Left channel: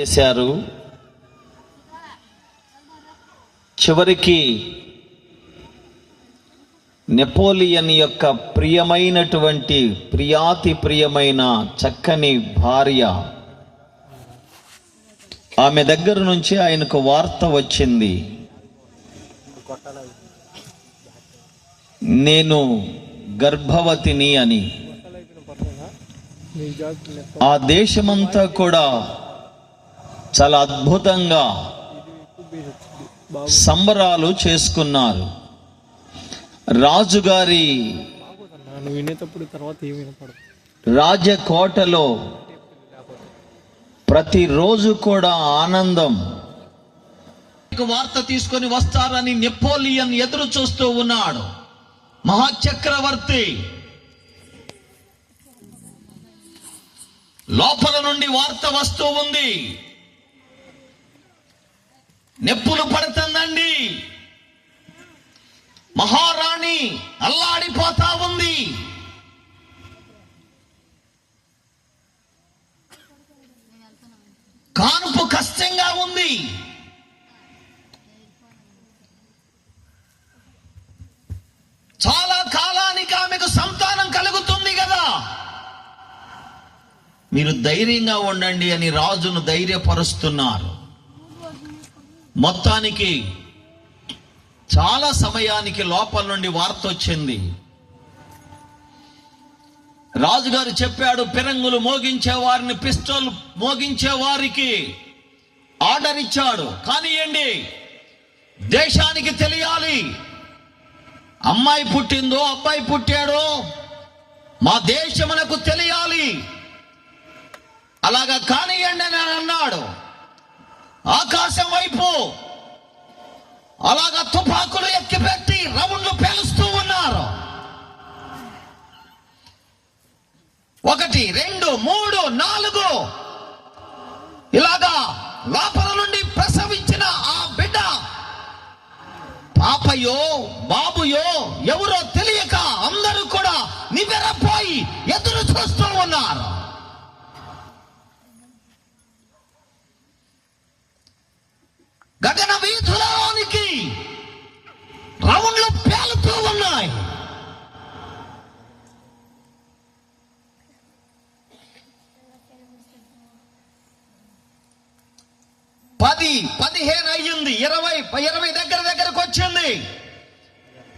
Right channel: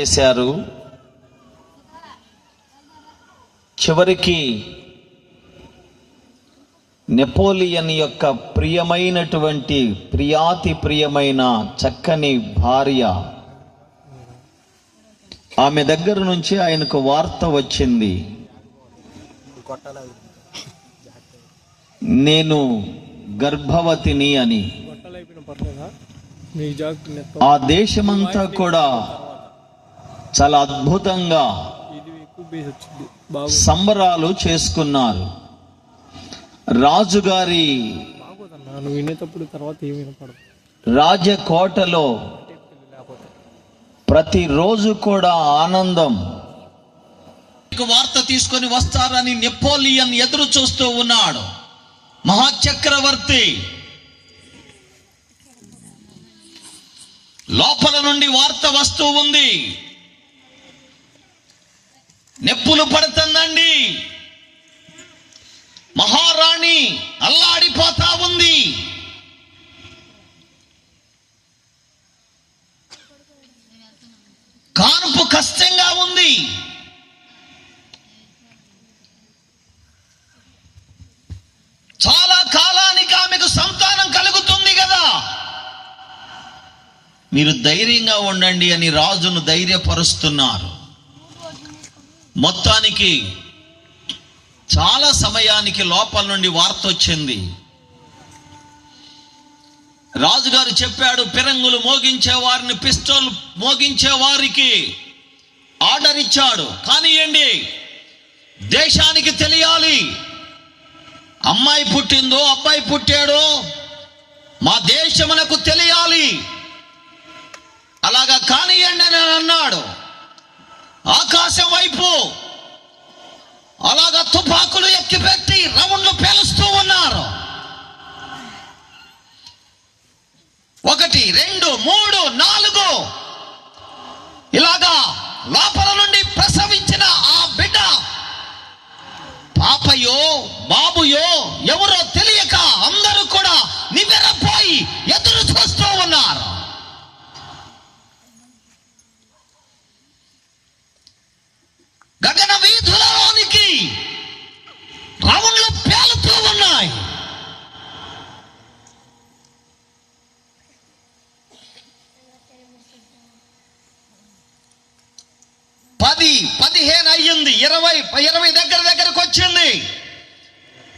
చేశారు. చివరికి నెపోలియన్ యొక్క ప్రియమైనటువంటి ప్రియమైన చక్కని భార్య, ఆమె దగ్గర నుంచి ఆయనకు వార్త వచ్చింది, నేను గర్భవతిని అని. ఆ దేశమంతా కూడా చాలా అద్భుతంగా సంబరాలు చేసుకున్నారు. రాజుగారి రాజకోటలో ప్రతిరోజు కూడా ఆనందం. వార్త తీసుకొని వస్తారని నెపోలియన్ ఎదురు చూస్తూ ఉన్నాడు. మహాచక్రవర్తి లోపల నుండి వార్త వస్తూ ఉంది, నెప్పులు పడుతుందండి, మహారాణి అల్లాడిపోతా ఉంది. కాన్పు కష్టంగా ఉంది. చాలా కాలానికి ఆమెకు సంతానం కలుగుతుంది కదా, మీరు ధైర్యంగా ఉండండి అని రాజును ధైర్యపరుస్తున్నారు. మొత్తానికి చాలా సమయానికి లోపల నుండి వార్త వచ్చింది. రాజుగారు చెప్పాడు, పిరంగులు మోగించే వారిని, పిస్టల్ మోగించే వారికి ఆర్డర్ ఇచ్చాడు. కానియండి, దేశానికి తెలియాలి, అమ్మాయి పుట్టిందో అబ్బాయి పుట్టాడో మా దేశమునకు తెలియాలి. అలాగా కానియండి అని అన్నాడు. ఆకాశం వైపు అలాగా తుపాకులు ఎక్కిపెట్టి రౌండ్లు పేలుస్తూ ఉన్నారు. 1, 2, 3, 4 ఇలాగా లోపల నుండి ప్రసవించిన ఆ బిడ్డ పాపయో బాబుయో ఎవరో తెలియక అందరూ కూడా నివ్వెరపోయి ఎదురు చూస్తూ ఉన్నారు. గగన వీధులలోనికి రౌండ్లు పేలుతూ ఉన్నాయి. పది 15 అయ్యింది, 20 దగ్గరకు వచ్చింది.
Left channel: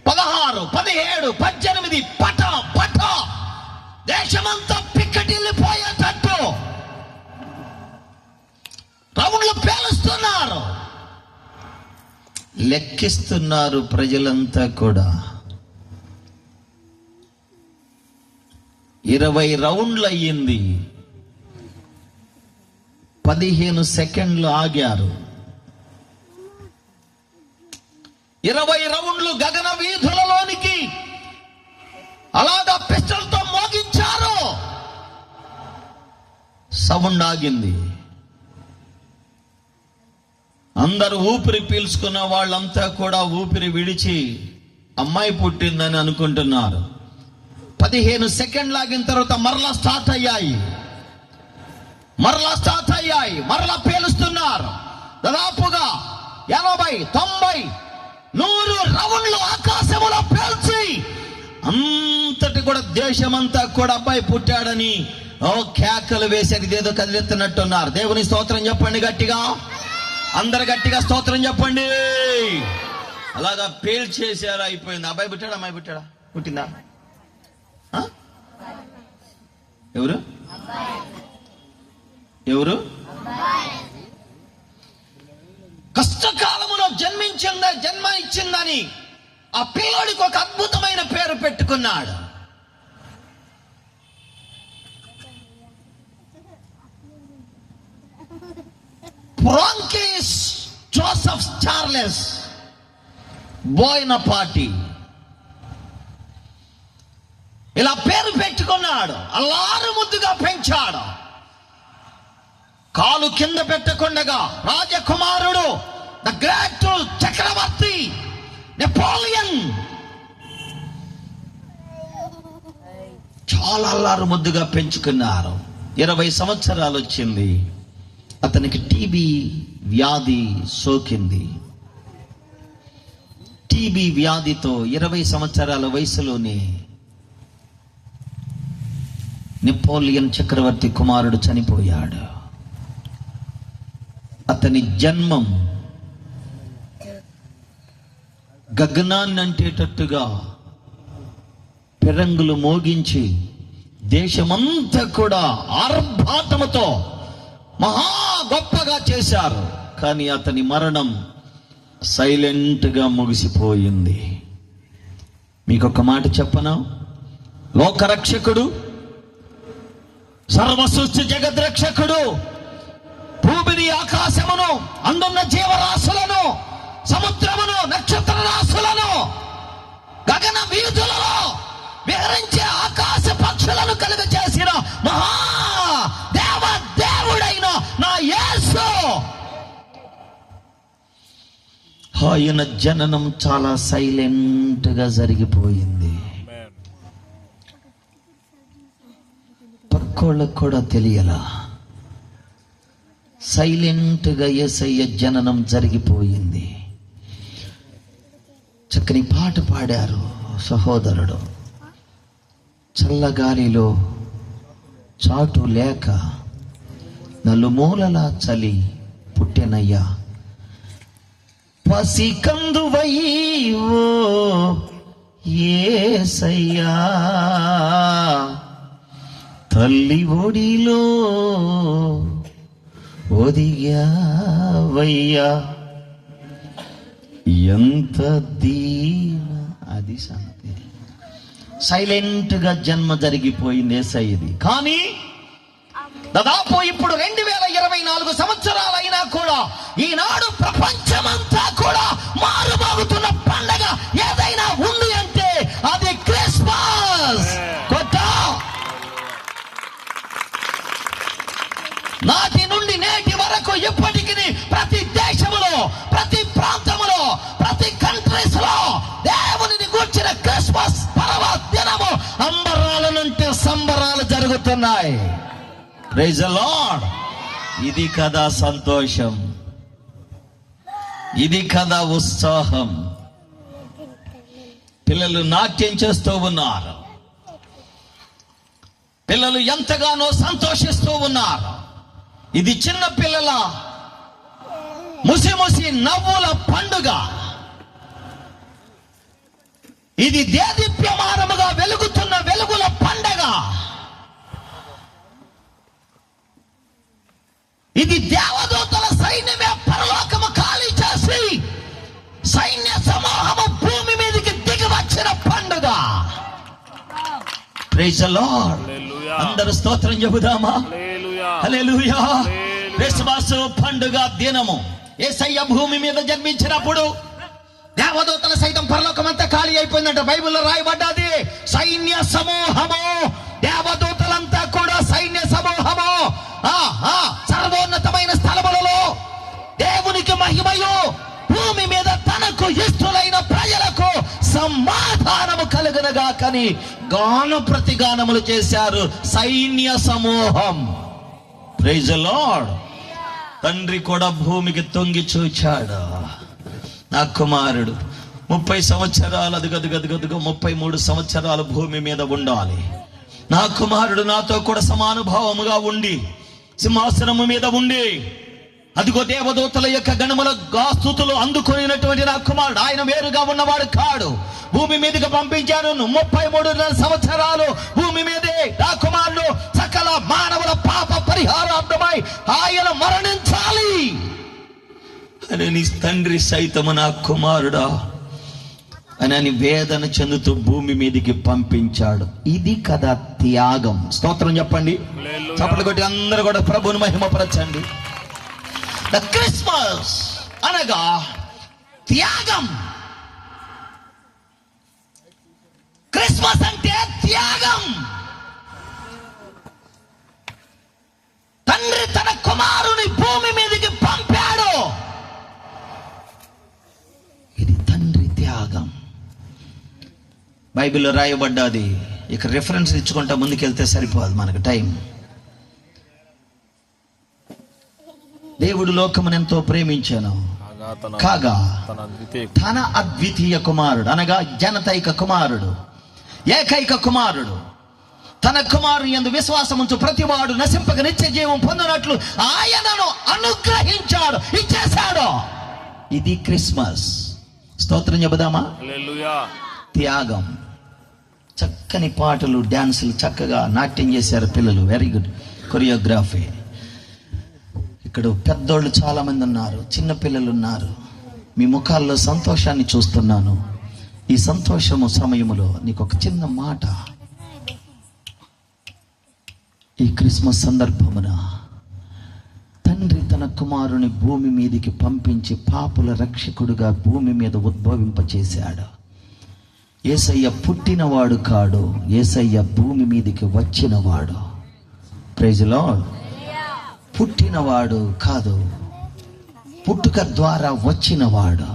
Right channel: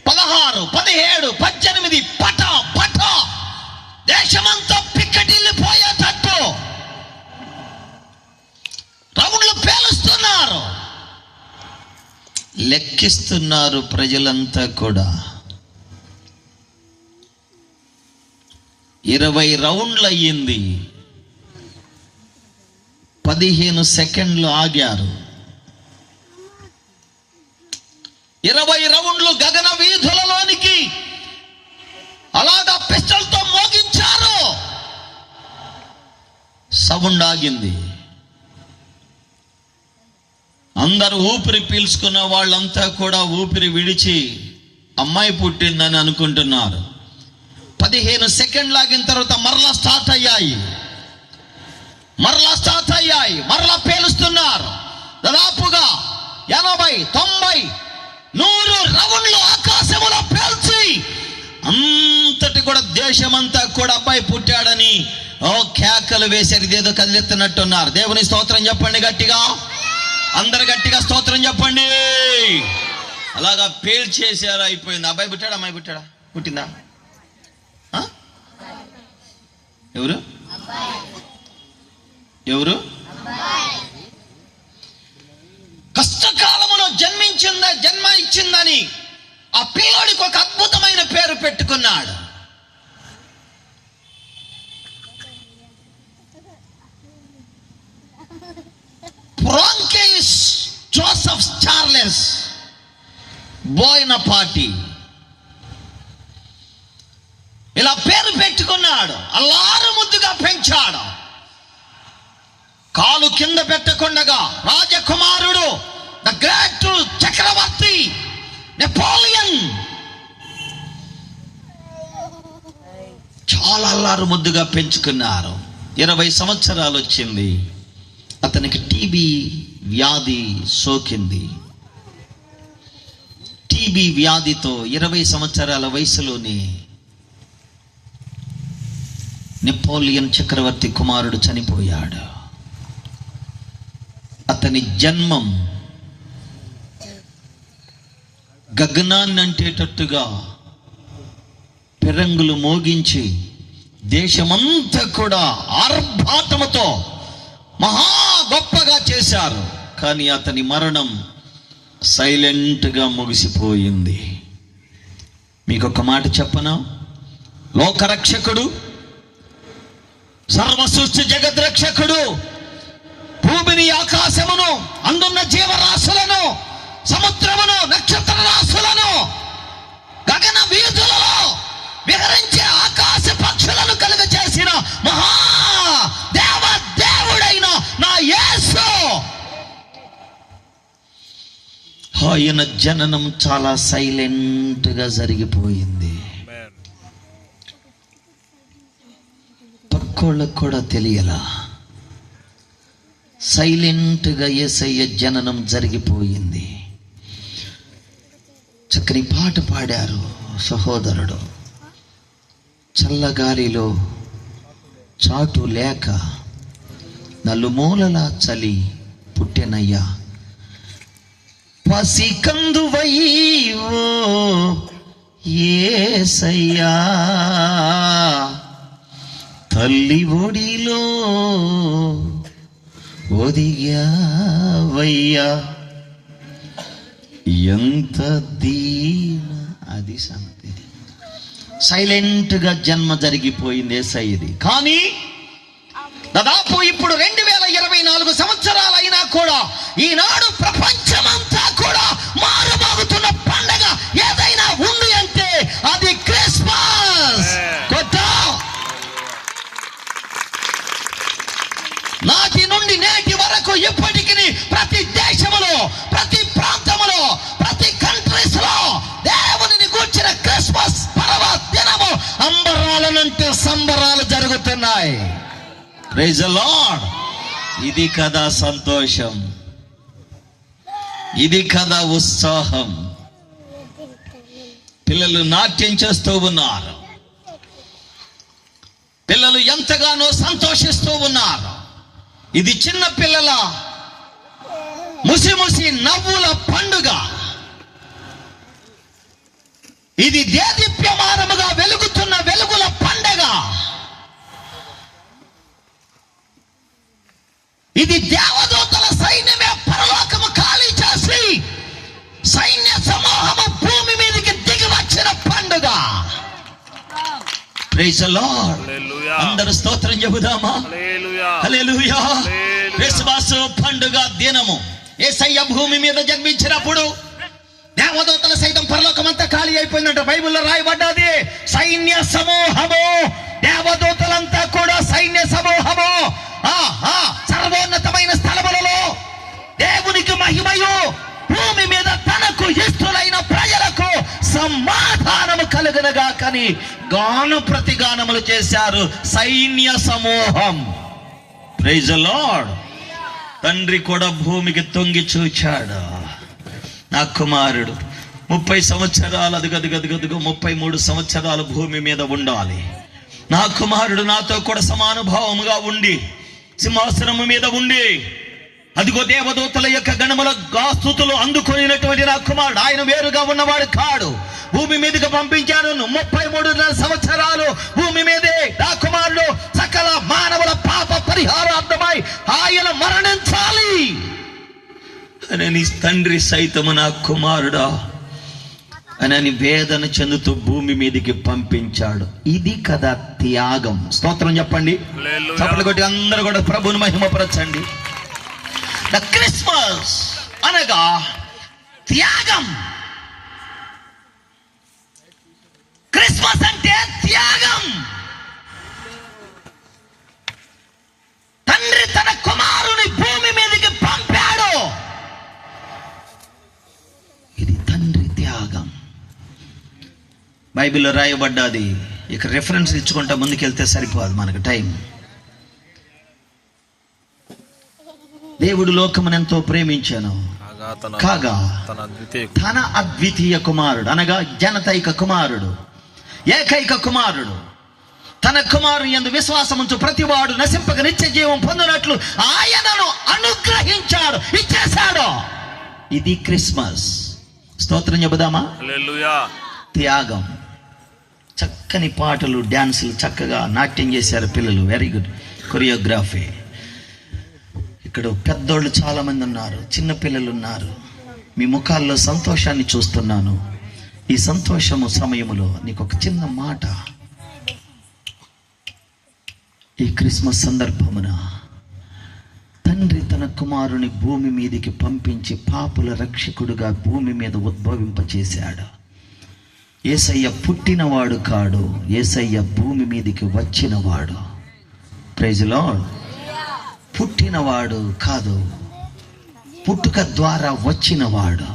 16, 17, 18 పట దేశమంతా పిక్కటిల్లిపోయేటట్టు రౌండ్లు పేలుస్తున్నారు. లెక్కిస్తున్నారు ప్రజలంతా కూడా. 20 రౌండ్లు అయ్యింది, 15 సెకండ్లు ఆగారు. 20 రౌండ్లు గగన వీధులలోనికి అలాగా పిస్టల్తో మోగించారు. సౌండ్ ఆగింది. అందరూ ఊపిరి పీల్చుకున్న వాళ్ళంతా కూడా ఊపిరి విడిచి అమ్మాయి పుట్టిందని అనుకుంటున్నారు. 15 సెకండ్లు ఆగిన తర్వాత మరలా స్టార్ట్ అయ్యాయి, మరలా పేలుస్తున్నారు. దాదాపుగా 80, 90, 100 రౌండ్లు ఆకాశంలో పేల్చి అంతటి కూడా దేశమంతా కూడా అబ్బాయి పుట్టాడని కేకలు వేసేది, ఇదేదో కదిలెత్తున్నట్టున్నారు. దేవుని స్తోత్రం చెప్పండి గట్టిగా, అందరు గట్టిగా స్తోత్రం చెప్పండి. అలాగా పేల్చేసారు, అయిపోయింది. అబ్బాయి పుట్టాడా అమ్మాయి పుట్టాడా? పుట్టిందా? ఎవరు కష్టకాలములో జన్మ ఇచ్చిందని ఆ పిల్లోడికి ఒక అద్భుతమైన పేరు పెట్టుకున్నాడు. ఫ్రాంకిష్ జోసెఫ్ చార్లెస్ బోయనపాటి ఇలా పేరు పెట్టుకున్నాడు. అల్లారు ముద్దుగా పెంచాడు. కాలు కింద పెట్టకుండగా రాజకుమారుడు, ద గ్రేట్ చక్రవర్తి నెపోలియన్ చాలా అల్లారు ముద్దుగా పెంచుకున్నారు. 20 సంవత్సరాలు వచ్చింది. అతనికి టీబీ వ్యాధి సోకింది. టీబీ వ్యాధితో 20 సంవత్సరాల వయసులోనే నెపోలియన్ చక్రవర్తి కుమారుడు చనిపోయాడు. అతని జన్మం గగనాన్ని అంటేటట్టుగా పెరంగులు మోగించి దేశమంతా కూడా ఆర్భాటముతో మహా గొప్పగా చేశారు. కానీ అతని మరణం సైలెంట్గా ముగిసిపోయింది. మీకు ఒక మాట చెప్పనా? లోకరక్షకుడు, సర్వసృష్టి జగద్రక్షకుడు, భూమిని ఆకాశమును అందున్న జీవరాశులను సముద్రమును నక్షత్ర రాశులను గగన వీధులలో విహరించే ఆకాశ పక్షులను కలుగ చేసిన మహా దేవుడైన నా యేసు, ఆయన జననం చాలా సైలెంట్ గా జరిగిపోయింది. పక్కోళ్ళకు కూడా తెలియలా. సైలెంట్ గా యేసయ్య జననం జరిగిపోయింది. చక్కని పాట పాడారు సహోదరుడు. చల్లగాలిలో చాటు లేక నలుమూలల చలి పుట్టెనయ్యా, పసికందువై ఓ యేసయ్యా, తల్లి ఒడిలో ఒదిగావయ్యా, ఎంత దీన. అది సంగతి. సైలెంట్ గా జన్మ జరిగిపోయింది యేసయ్యది. కానీ దాదాపు ఇప్పుడు 2024 సంవత్సరాలైనా కూడా ఈనాడు ప్రపంచమంతా కూడా మారుమోగుతున్న పండగ ఏదైనా ఉంది అంటే అది క్రిస్మస్. నాటి నుండి నేటి వరకు ఇప్పటికి ప్రతి దేశములో, ప్రతి ప్రాంతములో, ప్రతి కంట్రీస్ లో దేవుని గూర్చిన క్రిస్మస్ పర్వదినము అంబరాలనంటే సంబరాలు జరుగుతున్నాయి. Praise the lord. ఇది కదా సంతోషం, ఇది కదా ఉత్సాహం. పిల్లలు నాట్యం చేస్తూ ఉన్నారు, పిల్లలు ఎంతగానో సంతోషిస్తూ ఉన్నారు. ఇది చిన్న పిల్లల ముసి నవ్వుల పండుగ. ఇది దేదీప్యమానముగా వెలుగుతున్న వెలుగుల పండుగ. ఇది దేవదూతల సైన్యమే పరలోకము ఖాళీ చేసి సైన్య సమూహము భూమి మీదకి దిగి వచ్చిన పండుగ. Praise the lord. అందరూ స్తోత్రం చెబుదామా? హల్లెలూయా. క్రిస్మస్ పండుగ దినము యేసయ్య భూమి మీద జన్మించినప్పుడు దేవదూతల సైతం పరలోకమంతా ఖాళీ అయిపోయిందంట. బైబిల్లో రాయబడ్డది. సైన్య సమూహము, దేవదూతలంతా కూడా సైన్య సమూహము సర్వోన్నతమైన స్థలములలో దేవునికి మహిమయు, భూమి మీద తనకు ఇష్టలైన ప్రజలకు సమాధానము కలుగునుగా కని గాన ప్రతిగానములు చేశారు సైన్య సమూహం. Praise the lord. తండ్రి కూడా భూమికి తొంగి చూచాడు. నా కుమారుడు 30 సంవత్సరాలు అదుగదుగదుగదుగు 33 సంవత్సరాలు భూమి మీద ఉండాలి. నా కుమారుడు నాతో కూడా సమానుభావముగా ఉండి సింహాసనము మీద ఉండి అదిగో దేవదూతల యొక్క గణముల స్తుతులు అందుకునేటువంటి నా కుమారుడు. ఆయన వేరుగా ఉన్నవాడు కాడు. భూమి మీదకి పంపించాను. 33 సంవత్సరాలు భూమి మీదే నా కుమారుడు సకల మానవుల పాప పరిహారార్థమై ఆయన మరణించాలి అని నీ తండ్రి సైతము నా కుమారుడా అని వేదన చెందుతూ భూమి మీదకి పంపించాడు. ఇది కదా త్యాగం. స్తోత్రం చెప్పండి. చప్పట్లు కొట్టి అందరూ కూడా ప్రభువుని మహిమపరచండి. క్రిస్మస్ అనగా త్యాగం. క్రిస్మస్ అంటే త్యాగం. తండ్రి తన కుమారుని భూమి మీదకి పంపాడు. ఇది తండ్రి త్యాగం. బైబిల్లో రాయబడ్డది. ఇక రెఫరెన్స్ ఇచ్చుకుంటా ముందుకెళ్తే సరిపోదు, మనకు టైం. దేవుడు లోకమునెంతో ప్రేమించాను కాగా తన అద్వితీయ కుమారుడు అనగా జనతైక కుమారుడు, ఏకైక కుమారుడు, తన కుమారుని యందు విశ్వాసముంచు ప్రతివాడు నశింపక నిత్య జీవం పొందినట్లు ఆయనను అనుగ్రహించాడు, ఇచ్చేశాడు. ఇది క్రిస్మస్. స్తోత్రం చెబుదామా? హల్లెలూయా. త్యాగం. చక్కని పాటలు, డాన్సులు, చక్కగా నాట్యం చేశారు పిల్లలు. Very good choreography. ఇక్కడ పెద్దోళ్ళు చాలా మంది ఉన్నారు, చిన్న పిల్లలు ఉన్నారు. మీ ముఖాల్లో సంతోషాన్ని చూస్తున్నాను. ఈ సంతోషము సమయములో నీకు ఒక చిన్న మాట. ఈ క్రిస్మస్ సందర్భమున తండ్రి తన కుమారుని భూమి మీదకి పంపించి పాపుల రక్షకుడుగా భూమి మీద ఉద్భవింపచేశాడు. యేసయ్య పుట్టినవాడు కాడు, యేసయ్య భూమి మీదకి వచ్చినవాడు. Praise lord. పుట్టినవాడు కాదు, పుట్టుక ద్వారా వచ్చినవాడు.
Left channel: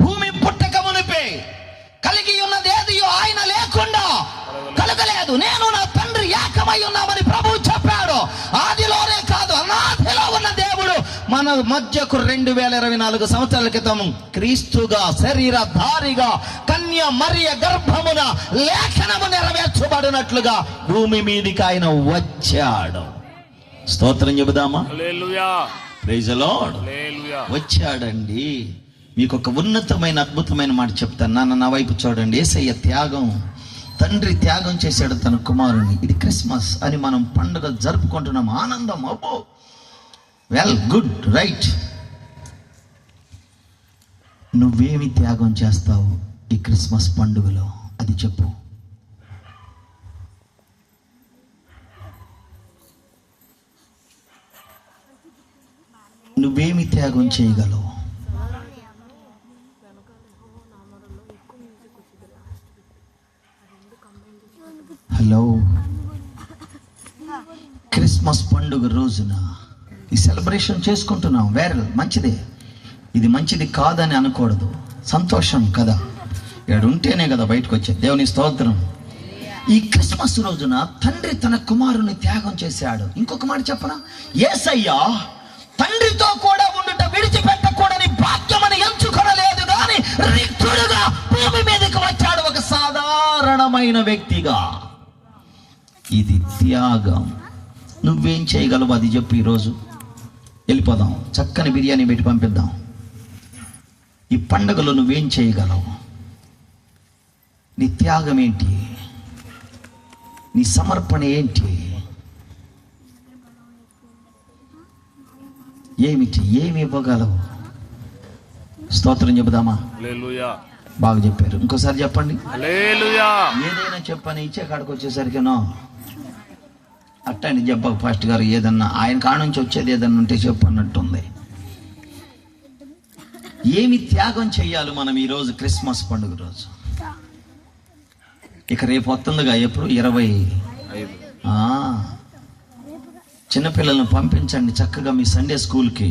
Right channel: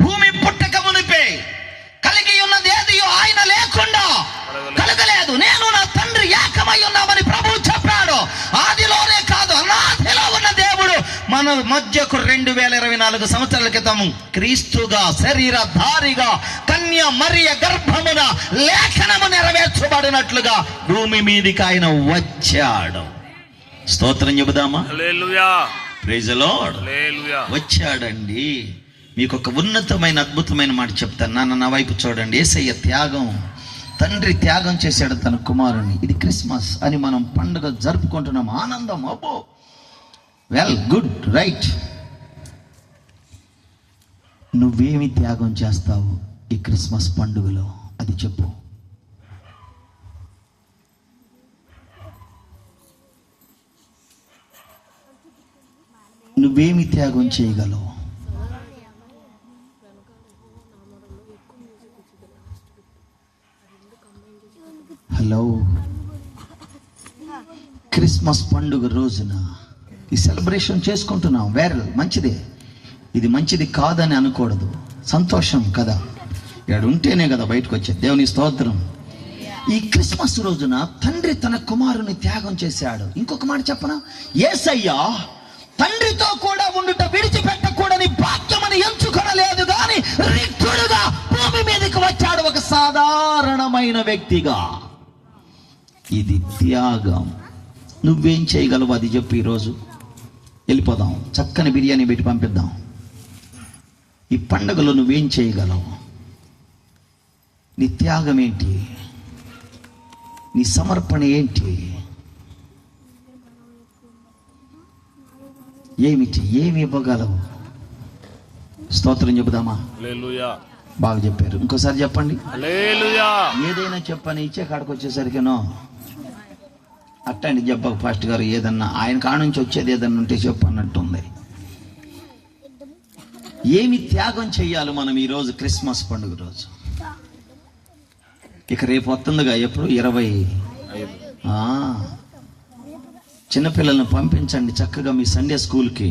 భూమి పుట్టక మునిపే కలిగి ఉన్నదేది ఆయన లేకుండా కలగలేదు. నేను నా తండ్రి ఏకమై ఉన్నామని ప్రభువు చెప్పాడు. ఆదిలోనే కాదు, అనాదిలో ఉన్న దేవుడు మన మధ్యకు 2024 సంవత్సరాల క్రితం క్రీస్తుగా శరీరధారిగా కన్య మరియ గర్భమున లేఖనము నెరవేర్చబడినట్లుగా భూమి మీదికి ఆయన వచ్చాడు. స్తోత్రం చెబుదామా? Hallelujah. Praise the Lord. Hallelujah. వచ్చాడండి. మీకు ఒక ఉన్నతమైన అద్భుతమైన మాట చెప్తాను. నా వైపు చూడండి. యేసయ్య త్యాగం, తండ్రి త్యాగం చేశాడు తన కుమారుని. ఇది క్రిస్మస్ అని మనం పండుగ జరుపుకుంటున్నాం. ఆనందం. అబ్బో, వెల్, గుడ్, రైట్. నువ్వేమి త్యాగం చేస్తావు ఈ క్రిస్మస్ పండుగలో? అది చెప్పు. నువ్వేమి త్యాగం చేయగలవు? హలో, క్రిస్మస్ పండుగ రోజున ఈ సెలబ్రేషన్ చేసుకుంటున్నాం. వేరే మంచిదే, ఇది మంచిది కాదని అనకూడదు. సంతోషం కదా, ఇక్కడ ఉంటేనే కదా బయటకు వచ్చేది. దేవుని స్తోత్రం. ఈ క్రిస్మస్ రోజున తండ్రి తన కుమారుని త్యాగం చేశాడు. ఇంకొక మాట చెప్పనా? యేసయ్య తండ్రితో కూడా ఉండుట విడిచిపెట్టకూడని భాగ్యమని ఎంచుకొనలేదు కానీ రిక్తుడుగా భూమి మీదకి వచ్చాడు, ఒక సాధారణమైన వ్యక్తిగా. ఇది త్యాగం. నువ్వేం చేయగలవు అది చెప్పు. ఈరోజు వెళ్ళిపోదాం, చక్కని బిర్యానీ పెట్టి పంపిద్దాం. ఈ పండుగలో నువ్వేం చేయగలవు? నీ త్యాగం ఏంటి? నీ సమర్పణ ఏంటి? ఏమిటి? ఏమి ఇవ్వగలవు? స్తోత్రం చెబుదామా? హల్లెలూయా. బాగా చెప్పారు. ఇంకోసారి చెప్పండి. హల్లెలూయా. ఏదైనా చెప్పని ఇచ్చే కాడికి వచ్చేసరికినో అట్టండి చెప్పక ఫాస్ట్ గారు. ఏదన్నా ఆయన కాడ నుంచి వచ్చేది ఏదన్నా ఉంటే చెప్పన్నట్టుంది. ఏమి త్యాగం చెయ్యాలి మనం ఈరోజు క్రిస్మస్ పండుగ రోజు? ఇక రేపు వస్తుందిగా, ఎప్పుడు 25. చిన్నపిల్లల్ని పంపించండి చక్కగా మీ సండే స్కూల్కి.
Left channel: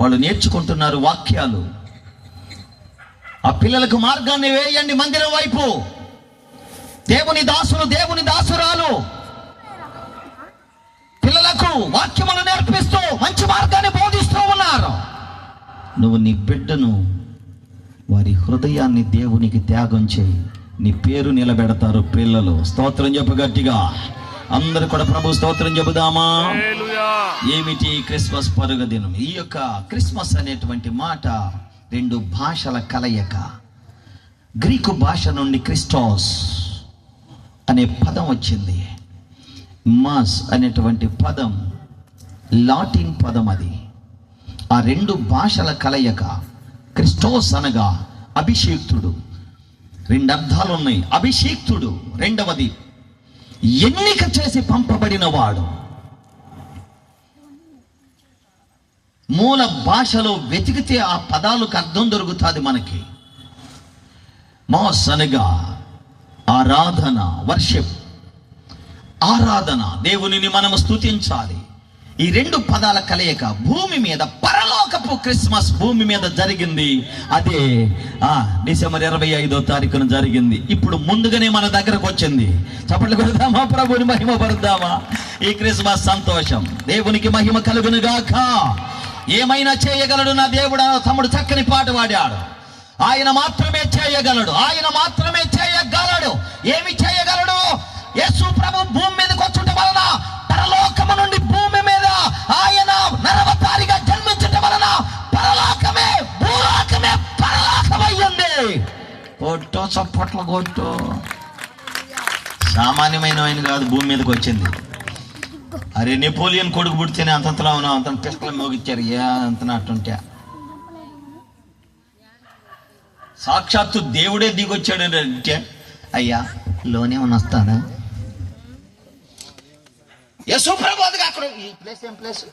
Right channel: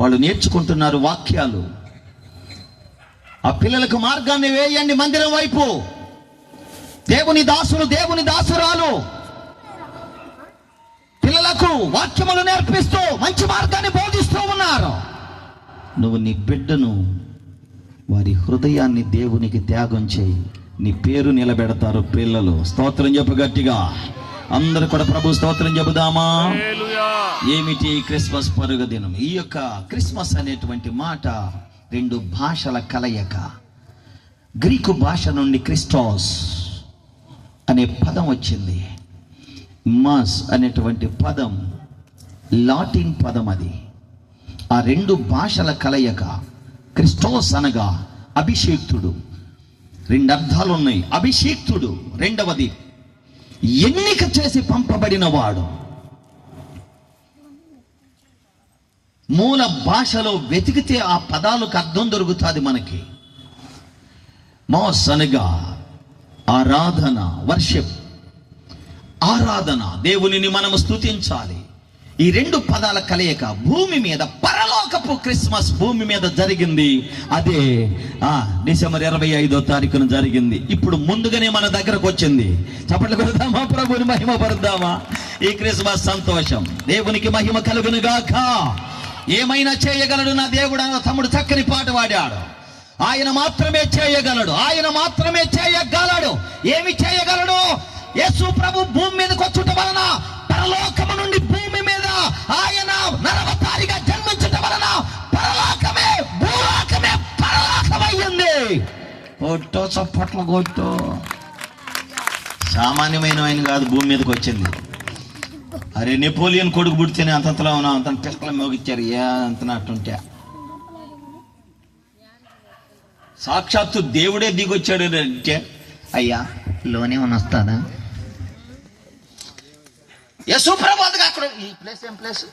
వాళ్ళు నేర్చుకుంటున్నారు వాక్యాలు. ఆ పిల్లలకు మార్గాన్ని వేయండి మందిరం వైపు. దేవుని దాసులు, దేవుని దాసురాలు పిల్లలకు వాక్యములు నేర్పిస్తూ మంచి మార్గాన్ని బోధిస్తూ ఉన్నారు. నువ్వు నీ బిడ్డను, వారి హృదయాన్ని దేవునికి త్యాగం చేయి. నీ పేరు నిలబెడతారు పిల్లలు. స్తోత్రం చెప్పు గట్టిగా. అందరూ కూడా ప్రభు స్తోత్రం చెబుదామా? ఏమిటి క్రిస్మస్ పరుగ దినం? ఈ యొక్క క్రిస్మస్ అనేటువంటి మాట 2 భాషల కలయిక. గ్రీకు భాష నుండి క్రిస్టోస్ అనే పదం వచ్చింది. మాస్ అనేటువంటి పదం లాటిన్ పదం. అది ఆ 2 భాషల కలయిక. క్రిస్టోస్ అనగా అభిషేక్తుడు. 2 అర్థాలు ఉన్నాయి. అభిషేక్తుడు, రెండవది ఎన్నిక చేసి పంపబడిన వాడు. మూల భాషలో వెతికితే ఆ పదాలకు అర్థం దొరుకుతుంది మనకి. మాస్ అనగా ఆరాధన, వర్షిప్, ఆరాధన. దేవునిని మనము స్తుతించాలి. ఈ రెండు పదాల కలయిక భూమి మీద, పరలోకపు క్రిస్మస్ భూమి మీద జరిగింది. అదే డిసెంబర్ 25వ తారీఖున జరిగింది. ఇప్పుడు ముందుగానే మన దగ్గరకు వచ్చింది. చప్పట్లు కొడదామా, ప్రభుని మహిమ పరుద్దామా. ఈ క్రిస్మస్ సంతోషం దేవునికి మహిమ కలుగును గాక. ఏమైనా చేయగలడు నా దేవుడు. తమ్ముడు చక్కని పాట పాడాడు. ఆయన మాత్రమే చేయగలడు, ఆయన మాత్రమే చేయగలడు. ఏమి చేయగలడు? యేసు ప్రభు భూమి మీదకి వచ్చుట వలన, పరలోకము నుండి భూమి మీద ఆయన నరవతారిగా జన్మించటం వలన పరలోకమే భూలోకమే పరలోకమయ్యింది. కొట్టు చప్పట్లు కొట్టు. సామాన్యమైన ఆయన కాదు, భూమి మీదకి వచ్చింది. అరే నెపోలియన్ కొడుకు పుడితేనే అంతలా ఉన్నాం, అంత పిక్కలు మోగిచ్చారు. అంతనట్టుంటే సాక్షాత్తు దేవుడే దిగొచ్చాడు అంటే, అయ్యా లోనే వస్తాను. యేసు ప్రభు అక్కడ ఈ ప్లేస్ ఏం place?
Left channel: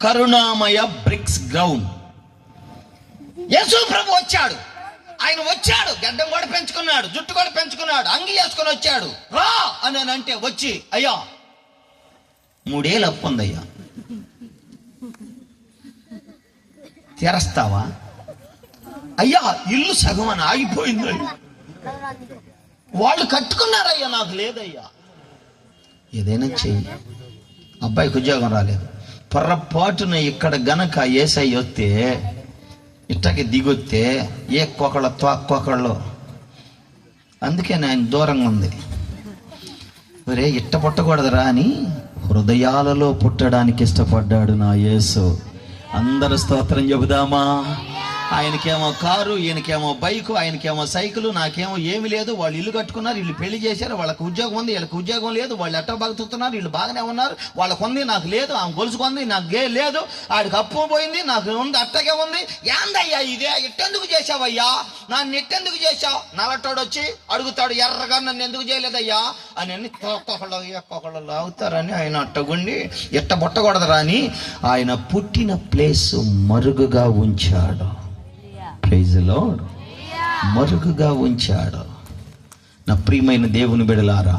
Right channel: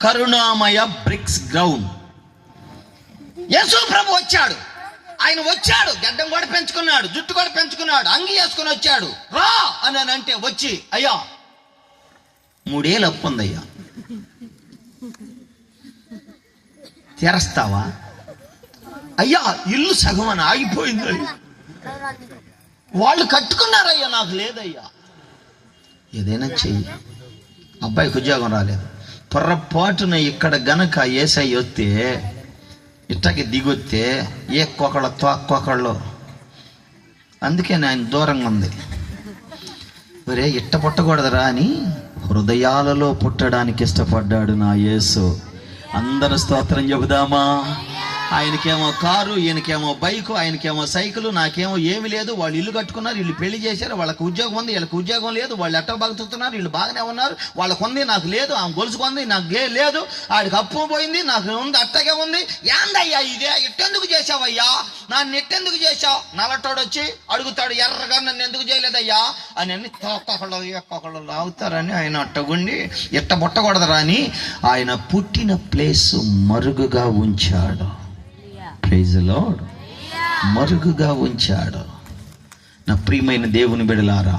Karunamaya bricks ground. Yesu ప్రభు వచ్చాడు. ఆయన వచ్చాడు, గడ్డం కూడా పెంచుకున్నాడు, జుట్టు కూడా పెంచుకున్నాడు, అంగి వేసుకొని వచ్చాడు. రా అని అంటే వచ్చి, అయ్యా 3 ఏళ్ళు అప్పు ఉందయ్యా, తెరస్తావా? అయ్యా ఇల్లు సగం అని ఆగిపోయింది, వాళ్ళు కట్టుకున్నారయ్యా, నాకు లేదయ్యా. ఏదైనా చెయ్యి. అబ్బాయికి ఉద్యోగం రాలేదు. పొరపాటున ఇక్కడ గనక ఏసై వస్తే, ఇట్టకి దిగొస్తే ఏ కొకళ్ళ తోక్కొకళ్ళు. అందుకే ఆయన దూరంగా ఉంది. మరే ఇట్ట పుట్టకూడదురా అని హృదయాలలో పుట్టడానికి ఇష్టపడ్డాడు నా యేసు. అందరూ స్తోత్రం చెబుదామా. ఆయనకేమో కారు, ఈయనకేమో బైకు, ఆయనకేమో సైకిల్, నాకేమో ఏమి లేదు. వాళ్ళు ఇల్లు కట్టుకున్నారు, వీళ్ళు పెళ్లి చేశారు, వాళ్ళకి ఉద్యోగం ఉంది, వీళ్ళకి ఉద్యోగం లేదు. వాళ్ళు ఎట్ట బతుకుతున్నారు, వీళ్ళు బాగానే ఉన్నారు. వాళ్ళకు ఉంది, నాకు లేదు. ఆమె గొలుసుకుంది, నాకు లేదు. ఆడికి అప్పు పోయింది, నాకు ఉంది, అట్టగే ఉంది. ఏందయ్యా ఇదే? ఎట్టెందుకు చేసావయ్యా? నన్ను ఎట్టెందుకు చేసావు? నల్లటోడు వచ్చి అడుగుతాడు, ఎర్రగా నన్ను ఎందుకు చేయలేదయ్యా అని. ఒక్కొక్కళ్ళు లాగుతారని ఆయన అట్టగుండి ఎట్ట పుట్టకూడదురా అని ఆయన పుట్టిన ప్లేస్ మరుగుగా ఉంచాడు. Praise the lord. మరుగుగా ఉంచాడు. నా ప్రియమైన దేవుని బిడ్డలారా,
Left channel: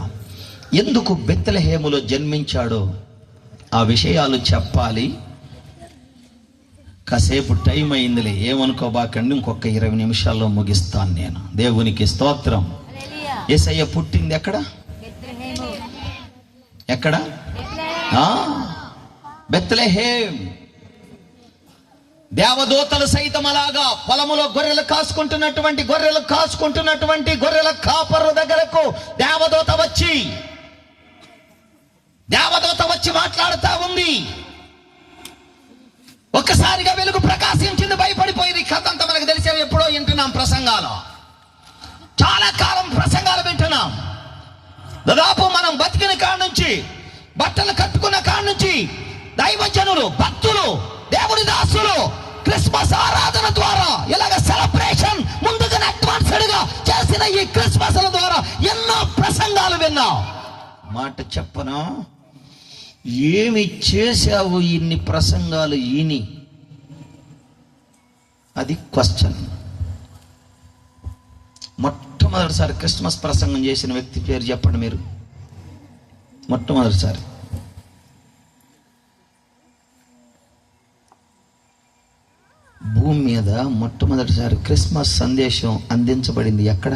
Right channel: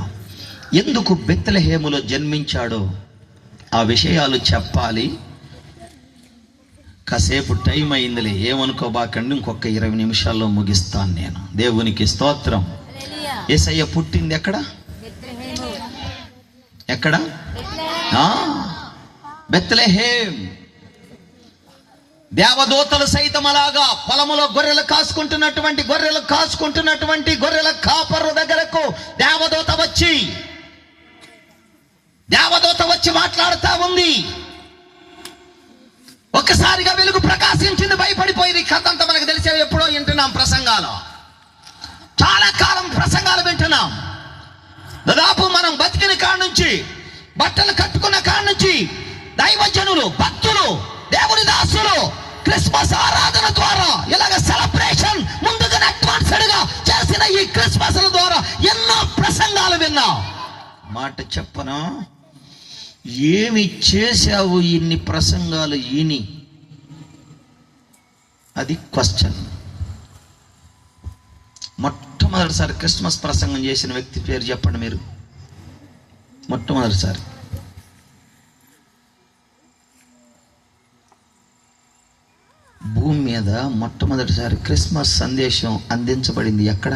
ఎందుకు బెత్లెహేములో జన్మించాడో ఆ విషయాలు చెప్పాలి. కాసేపు టైం అయిందిలే, ఏమనుకోబాకండి. ఇంకొక 20 నిమిషాల్లో ముగిస్తాను నేను. దేవునికి స్తోత్రం. యేసయ్య పుట్టింది ఎక్కడ? ఎక్కడ? బెత్లెహేం. దేవదూతలు సైతం అలాగా పొలములో గొర్రెలు కాసుకుంటున్నటువంటి గొర్రెల కాపరు దగ్గరకు దేవదూత వచ్చి మాట్లాడుతా ఉంది. ఒక్కసారిగా వెలుగు ప్రకాశించింది, భయపడిపోయింది. కథ అంతా మనకు తెలిసేది. ఎప్పుడో వింటున్నాం ప్రసంగాలు, చాలా కాలం ప్రసంగాలు వింటున్నాం. దాదాపు మనం బతికిన కాడ నుంచి, బట్టలు కట్టుకున్న కాడ నుంచి దైవజనులు, భక్తులు, దేవుని దాసులు క్రిస్మస్ ఆరాధన ద్వారా ఇలాగ సెలబ్రేషన్ ముందుగా అడ్వాన్స్డ్ గా చేసిన ఈ క్రిస్మస్ ద్వారా ఎన్నో ప్రసంగాలు విన్నాం. మాట చెప్పనా, ఏమి చేశావు ఇన్ని ప్రసంగాలు ఈని? అది క్వశ్చన్. మొట్టమొదటిసారి క్రిస్మస్ ప్రసంగం చేసిన వ్యక్తి పేరు చెప్పండి మీరు. మొట్టమొదటిసారి భూమి మీద మొట్టమొదటిసారి క్రిస్మస్ సందేశం అందించబడింది ఎక్కడ?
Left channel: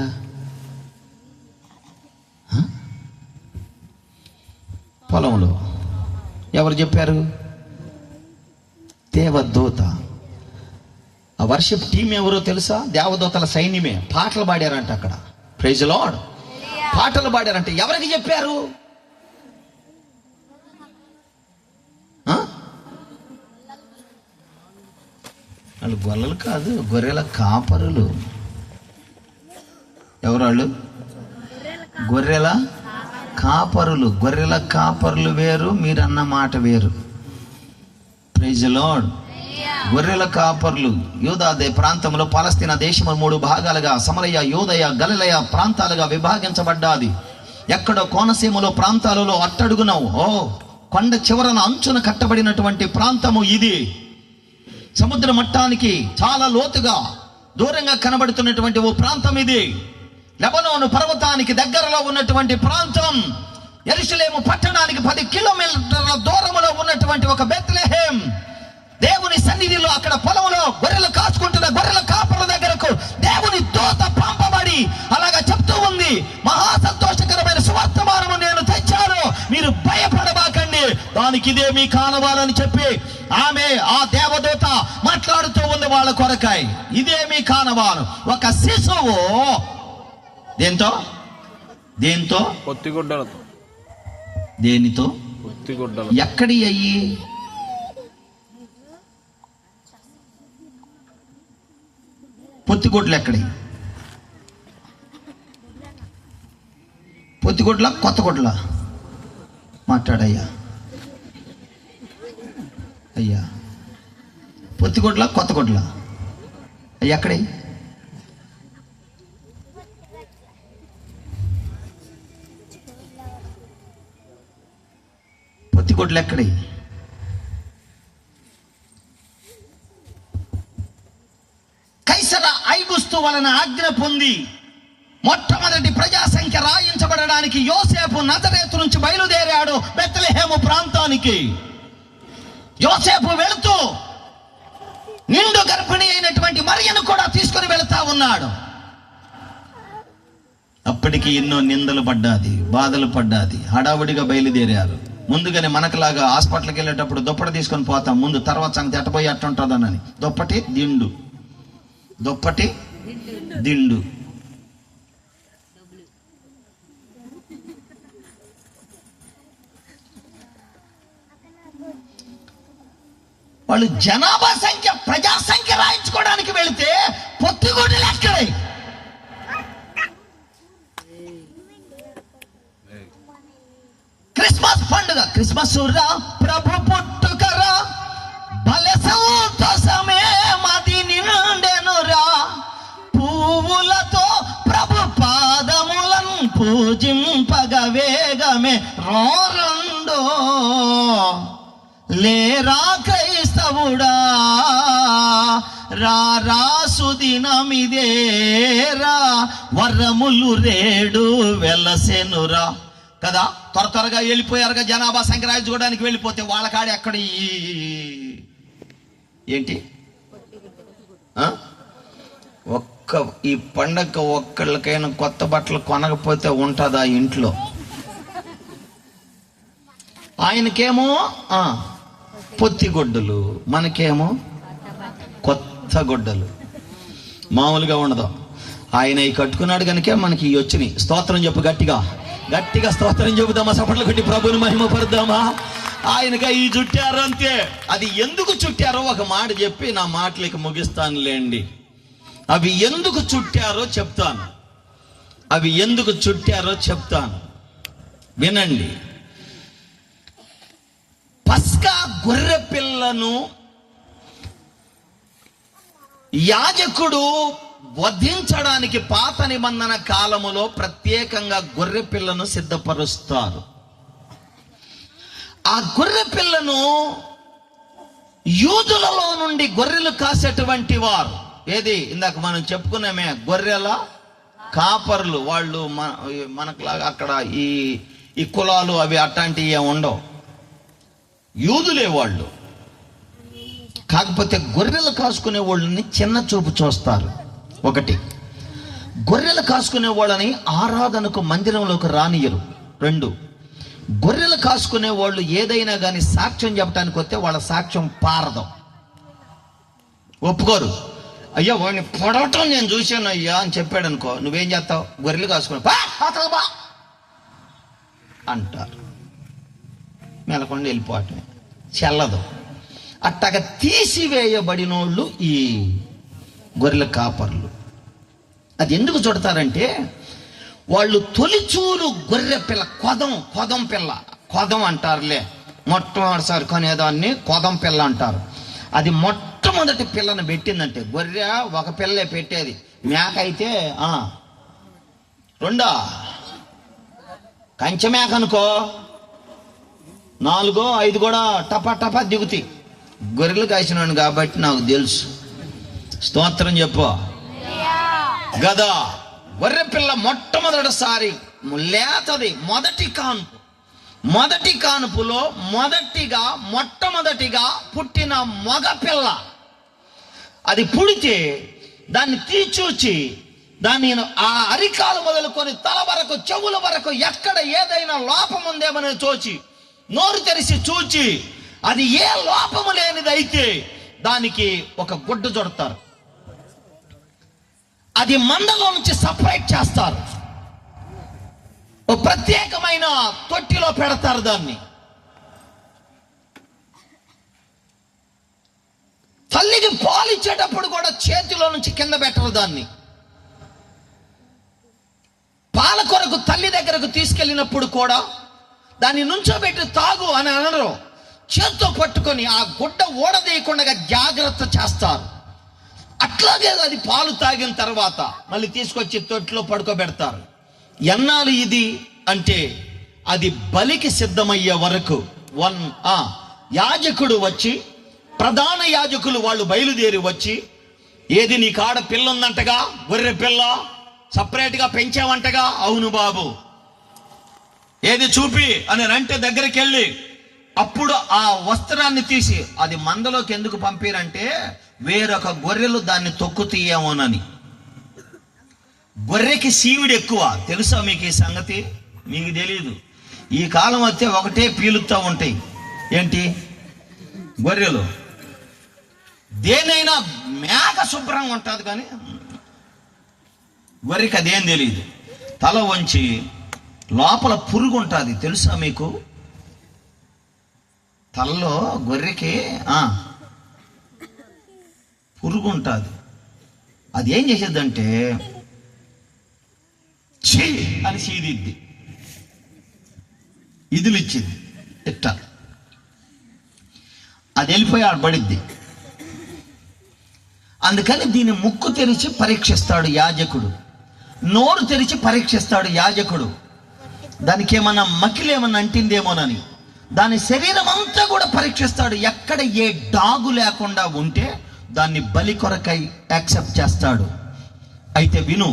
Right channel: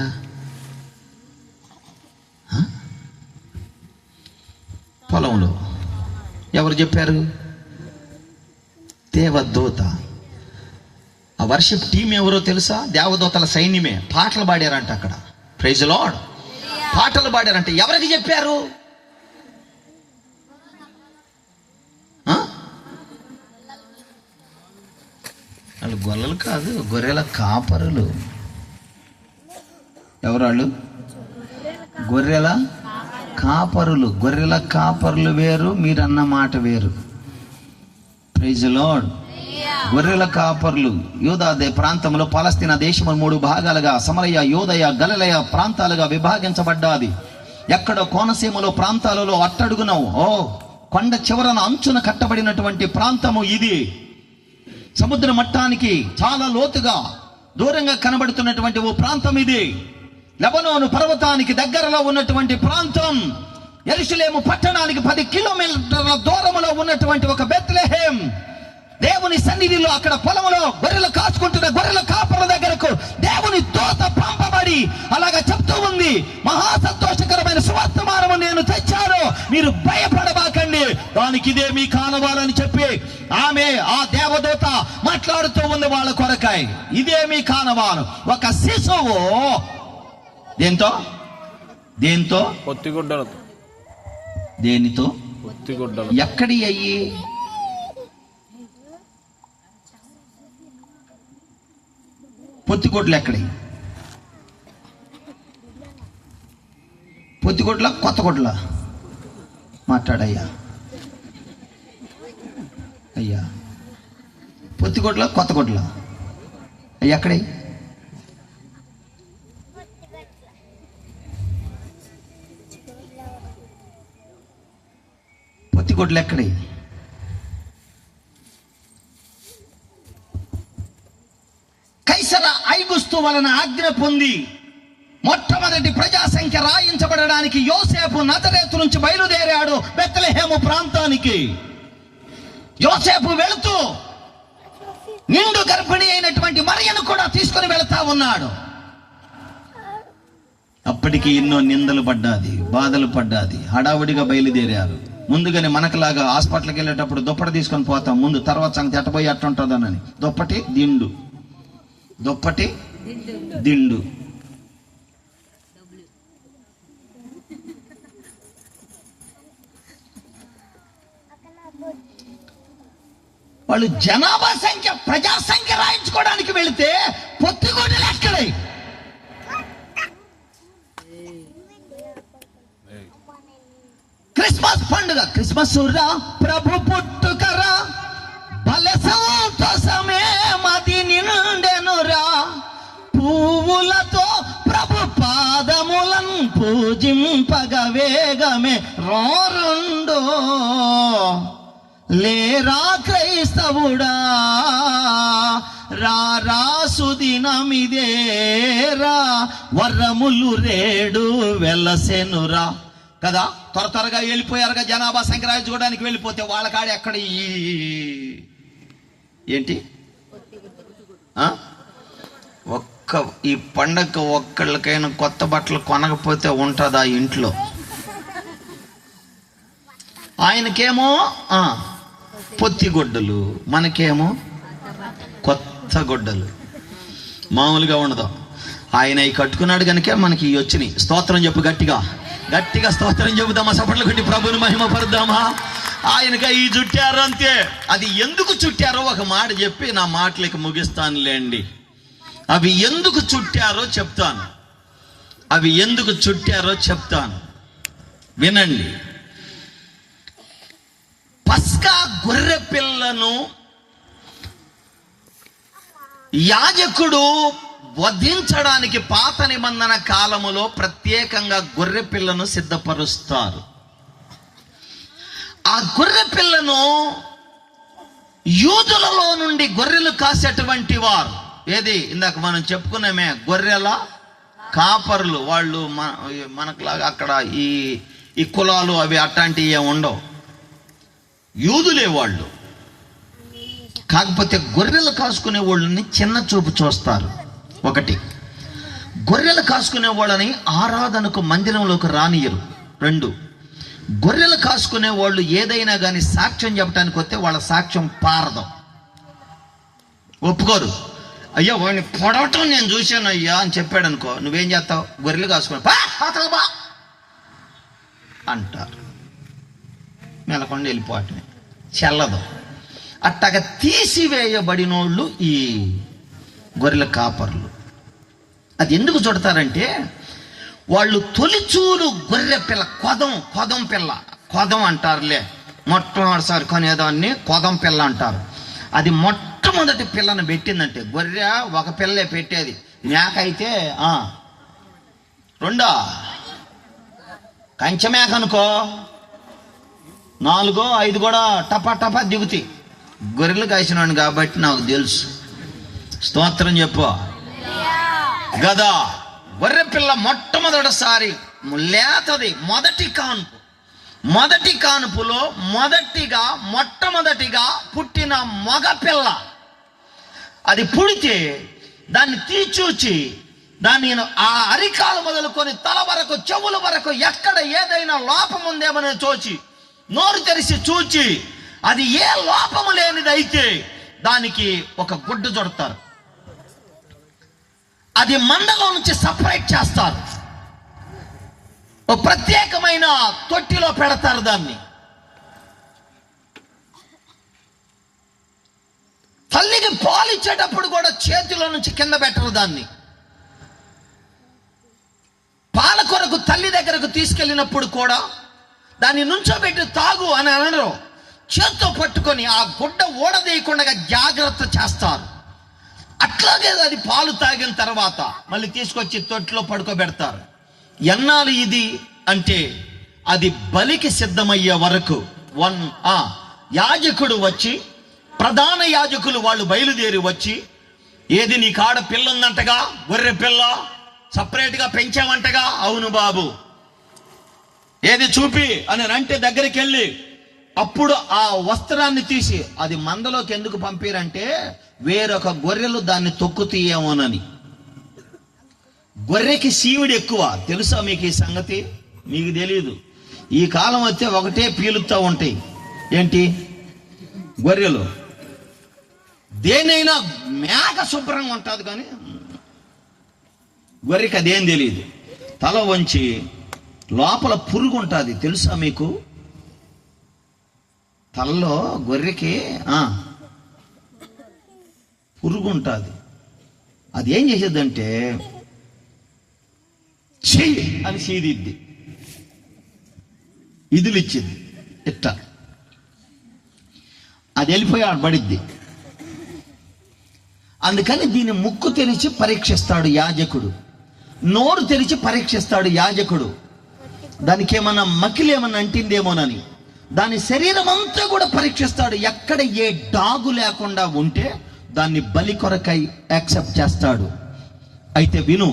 పొలంలో. ఎవరు చెప్పారు? దేవదూత. ఆ వర్షిప్ టీం ఎవరో తెలుసా? దేవదూతల సైన్యమే. పాటలు పాడారంట అక్కడ. Praise the lord. పాటలు పాడారంటే ఎవరికి చెప్పారు? వాళ్ళు గొల్లలు కాదు, గొర్రెల కాపరులు. ఎవరు వాళ్ళు? గొర్రెల కాపరులు వేరు, మీరన్న మాట వేరు. Praise the lord. గొర్రెల కాపరులు యూదా ప్రాంతంలో పాలస్తీనా దేశం 3 భాగాలుగా, సమరయ, యూదయ, గలిలయ ప్రాంతాలుగా విభాగించబడ్డాది. ఎక్కడో కోనసీమలో ప్రాంతాలలో అట్టడుగున కొండ చివరన అంచున కట్టబడినటువంటి ప్రాంతము ఇది. సముద్ర మట్టానికి చాలా లోతుగా దూరంగా కనబడుతున్నటువంటి ఓ ప్రాంతం ఇది. లెబనోను పర్వతానికి దగ్గరలో ఉన్నటువంటి ప్రాంతం. యెరూషలేము పట్టణానికి 10 కిలోమీటర్ల దూరంలో ఉన్నటువంటి ఒక బెత్లెహేం దేవుని సన్నిధిలో, అక్కడ పొలంలో గొర్రెలు కాచుకుంటున్న గొర్రెల కాపర్ల దగ్గరకు దేవుని దూత పంపబడి అలాగా చెప్తూ ఉంది, మహా సంతోషకరమైన సువర్తమానము నేను తెచ్చాను, మీరు భయపడబాకండి, దానికి ఇదే మీ కానవాలని చెప్పి ఆమె ఆ దేవదూత మాట్లాడుతూ ఉంది వాళ్ళ కొరకాయ. ఇదే మీ కానవాలు, ఒక శిశువు దేంతో దేంతో పొత్తిగుడ్డలతో. దేనితో? పొత్తిగుడ్డలు. ఎక్కడి అయ్యి? పొత్తిగుడ్లు ఎక్కడి? పొత్తిగుడ్ల కొత్త గుడ్ల? మాట్లాడయ్యా అయ్యా, పొత్తిగుడ్ల కొత్త గుడ్ల అయ్యా ఎక్కడి? పొత్తిగుడ్లు ఎక్కడి? కైసర ఐగుస్తు వలన ఆజ్ఞ పొంది మొట్టమొదటి ప్రజా సంఖ్య రాయించబడడానికి యోసేపు నజరేతు నుంచి బయలుదేరాడు బెత్లెహేము ప్రాంతానికి. యోసేపు వెళుతూ నిండు గర్భిణి అయినటువంటి మరియను కూడా తీసుకొని వెళతా ఉన్నాడు. అప్పటికి ఎన్నో నిందలు పడ్డాది, బాధలు పడ్డాది. హడావుడిగా బయలుదేరారు. ముందుగానే మనకులాగా హాస్పిటల్కి వెళ్ళేటప్పుడు దుప్పటి తీసుకొని పోతాం, ముందు తర్వాత సంగతి ఎట్టపోయి అట్టుంటుందనని. దుప్పటి దిండు, దుప్పటి దిండు. వాళ్ళు జనాభా సంఖ్య, ప్రజా సంఖ్య రాయించుకోవడానికి వెళితే పొత్తిగుడ్డలు ఎక్కడే? క్రిస్మస్ పండుగ, క్రిస్మస్ రా ప్రభు పుట్టుకరా, భలే సంతోషమే మది నిండెనురా, పువ్వులతో ప్రభు పాదములను పూజింపగ వేగమే రోరండో, లేరా క్రైస్తవుడా రా సుదినమిదేరా, వరములు రేడు వెలసెనురా. కదా, త్వరగా వెళ్ళిపోయారుగా జనాభా సంఖ్య రాయించుకోవడానికి. వెళ్ళిపోతే వాళ్ళ కాడ ఎక్కడ ఏంటి? ఈ పండగ ఒక్కళ్ళకైనా కొత్త బట్టలు కొనకపోతే ఉంటుందా ఇంట్లో? ఆయనకేమో పొత్తిగుడ్డలు, మనకేమో కొత్త గుడ్డలు. మామూలుగా ఉండదు. ఆయన ఈ కట్టుకున్నాడు కనుక మనకి ఇవి వచ్చినాయి. స్తోత్రం చెప్పు, గట్టిగా గట్టిగా స్తోత్రం చెబుదామా, సపట్లు కొట్టి ప్రభుని మహిమ పరుద్దామా. ఆయనగా ఈ చుట్టారు అంతే. అది ఎందుకు చుట్టారో ఒక మాట చెప్పి నా మాటలకి ముగిస్తానులేండి. అవి ఎందుకు చుట్టారో చెప్తాను, అవి ఎందుకు చుట్టారో చెప్తాను, వినండి. పస్కా గొర్రె పిల్లను యాజకుడు వధించడానికి పాత నిబంధన కాలములో ప్రత్యేకంగా గొర్రె పిల్లను సిద్ధపరుస్తారు. ఆ గొర్రె పిల్లను యూదులలో నుండి గొర్రెలు కాసేటువంటి వారు, ఏది ఇందాక మనం చెప్పుకున్నామే గొర్రెల కాపర్లు, వాళ్ళు మనకులాగా అక్కడ ఈ కులాలు అవి అట్లాంటివి ఏమి ఉండవు, యూదులే వాళ్ళు. కాకపోతే గొర్రెలు కాసుకునే వాళ్ళని చిన్న చూపు చూస్తారు. ఒకటి, గొర్రెలు కాసుకునే వాళ్ళని ఆరాధనకు మందిరంలోకి రానియరు. 2, గొర్రెలు కాసుకునే వాళ్ళు ఏదైనా కానీ సాక్ష్యం చెప్పడానికి వస్తే వాళ్ళ సాక్ష్యం పారదు, ఒప్పుకోరు. అయ్యా వాడిని పొడవటం నేను చూశాను అయ్యా అని చెప్పాడు అనుకో, నువ్వేం చేస్తావు? గొర్రెలు కాసుకుని బా అంటారు. మెలకుండా వెళ్ళిపోవటమే, చెల్లదు. అట్టగా తీసివేయబడినోళ్ళు ఈ గొర్రెల కాపర్లు. అది ఎందుకు చుడతారంటే, వాళ్ళు తొలిచూలు గొర్రె పిల్ల, కొదం పిల్ల, కొదం అంటారులే, మొట్టమొదటిసారి కొనేదాన్ని కొదం పిల్ల అంటారు. అది మొట్టమొదటి పిల్లను పెట్టిందంటే, గొర్రె ఒక పిల్లే పెట్టేది, మేక అయితే 2 కంచె మేక అనుకో 4, 5 కూడా టపా దిగుతాయి. గొర్రెలు కాసినవాడిని కాబట్టి నాకు తెలుసు. స్తోత్రం చెప్పు గదా. గొర్రె పిల్ల మొట్టమొదటిసారి లేతది, మొదటి కాన్పు, మొదటి కానుపులో మొట్టమొదటిగా పుట్టిన మగ పిల్ల అది పుడితే దాన్ని తీచూచి దాన్ని ఆ అరికాలు మొదలుకొని తల వరకు చెవుల వరకు ఎక్కడ ఏదైనా లోపం ఉందేమని చూచి నోరు తెరిచి చూచి అది ఏ లోపము లేనిదైతే దానికి ఒక గుడ్డ జొడతారు. అది మందలో నుంచి సపరేట్ చేస్తారు. ఒక ప్రత్యేకమైన తొట్టిలో పెడతారు. దాన్ని తల్లికి పాలు ఇచ్చేటప్పుడు కూడా చేతిలో నుంచి కింద పెట్టరు. దాన్ని పాల కొరకు తల్లి దగ్గరకు తీసుకెళ్ళినప్పుడు కూడా దాన్ని నుంచోబెట్టి తాగు అని అనరు. చేత్తో పట్టుకొని ఆ గుడ్డ ఊడదీయకుండా జాగ్రత్త చేస్తారు. అట్లాగే అది పాలు తాగిన తర్వాత మళ్ళీ తీసుకొచ్చి తొట్టిలో పడుకోబెడతారు. ఎన్నాళ్ళు ఇది అంటే అది బలికి సిద్ధమయ్యే వరకు యాజకుడు వచ్చి, ప్రధాన యాజకులు వాళ్ళు బయలుదేరి వచ్చి, ఏది నీ కాడ పిల్ల ఉందంటగా, గొర్రె పిల్ల సపరేట్గా పెంచావంటగా, అవును బాబు ఏది చూపి అని అంటే దగ్గరికి వెళ్ళి అప్పుడు ఆ వస్త్రాన్ని తీసి అది మందలోకి ఎందుకు పంపిరంటే వేరొక గొర్రెలు దాన్ని తొక్కు తీయమోనని. గొర్రెకి సీవుడు ఎక్కువ, తెలుసా మీకు ఈ సంగతి? మీకు తెలియదు. ఈ కాలం వస్తే ఒకటే పీలుతూ ఉంటాయి. ఏంటి? గొర్రెలు. దేనైనా మేక శుభ్రంగా ఉంటుంది కానీ గొర్రెకి అదేం తెలియదు. తల వంచి లోపల పురుగు ఉంటుంది, తెలుసా మీకు? తలలో గొర్రెకి పురుగు ఉంటుంది. అది ఏం చేసేద్దంటే చెయ్యి అని సీదిద్ది, ఇదిలిచ్చింది ఇట్ట, అది వెళ్ళిపోయి ఆడబడిద్ది. అందుకని దీన్ని ముక్కు తెరిచి పరీక్షిస్తాడు యాజకుడు, నోరు తెరిచి పరీక్షిస్తాడు యాజకుడు. దానికి ఏమన్నా మకిలేమన్నా అంటిందేమోనని దాని శరీరం అంతా కూడా పరీక్షిస్తాడు. ఎక్కడ ఏ డాగు లేకుండా ఉంటే దాన్ని బలి కొరకై యాక్సెప్ట్ చేస్తాడు. అయితే విను,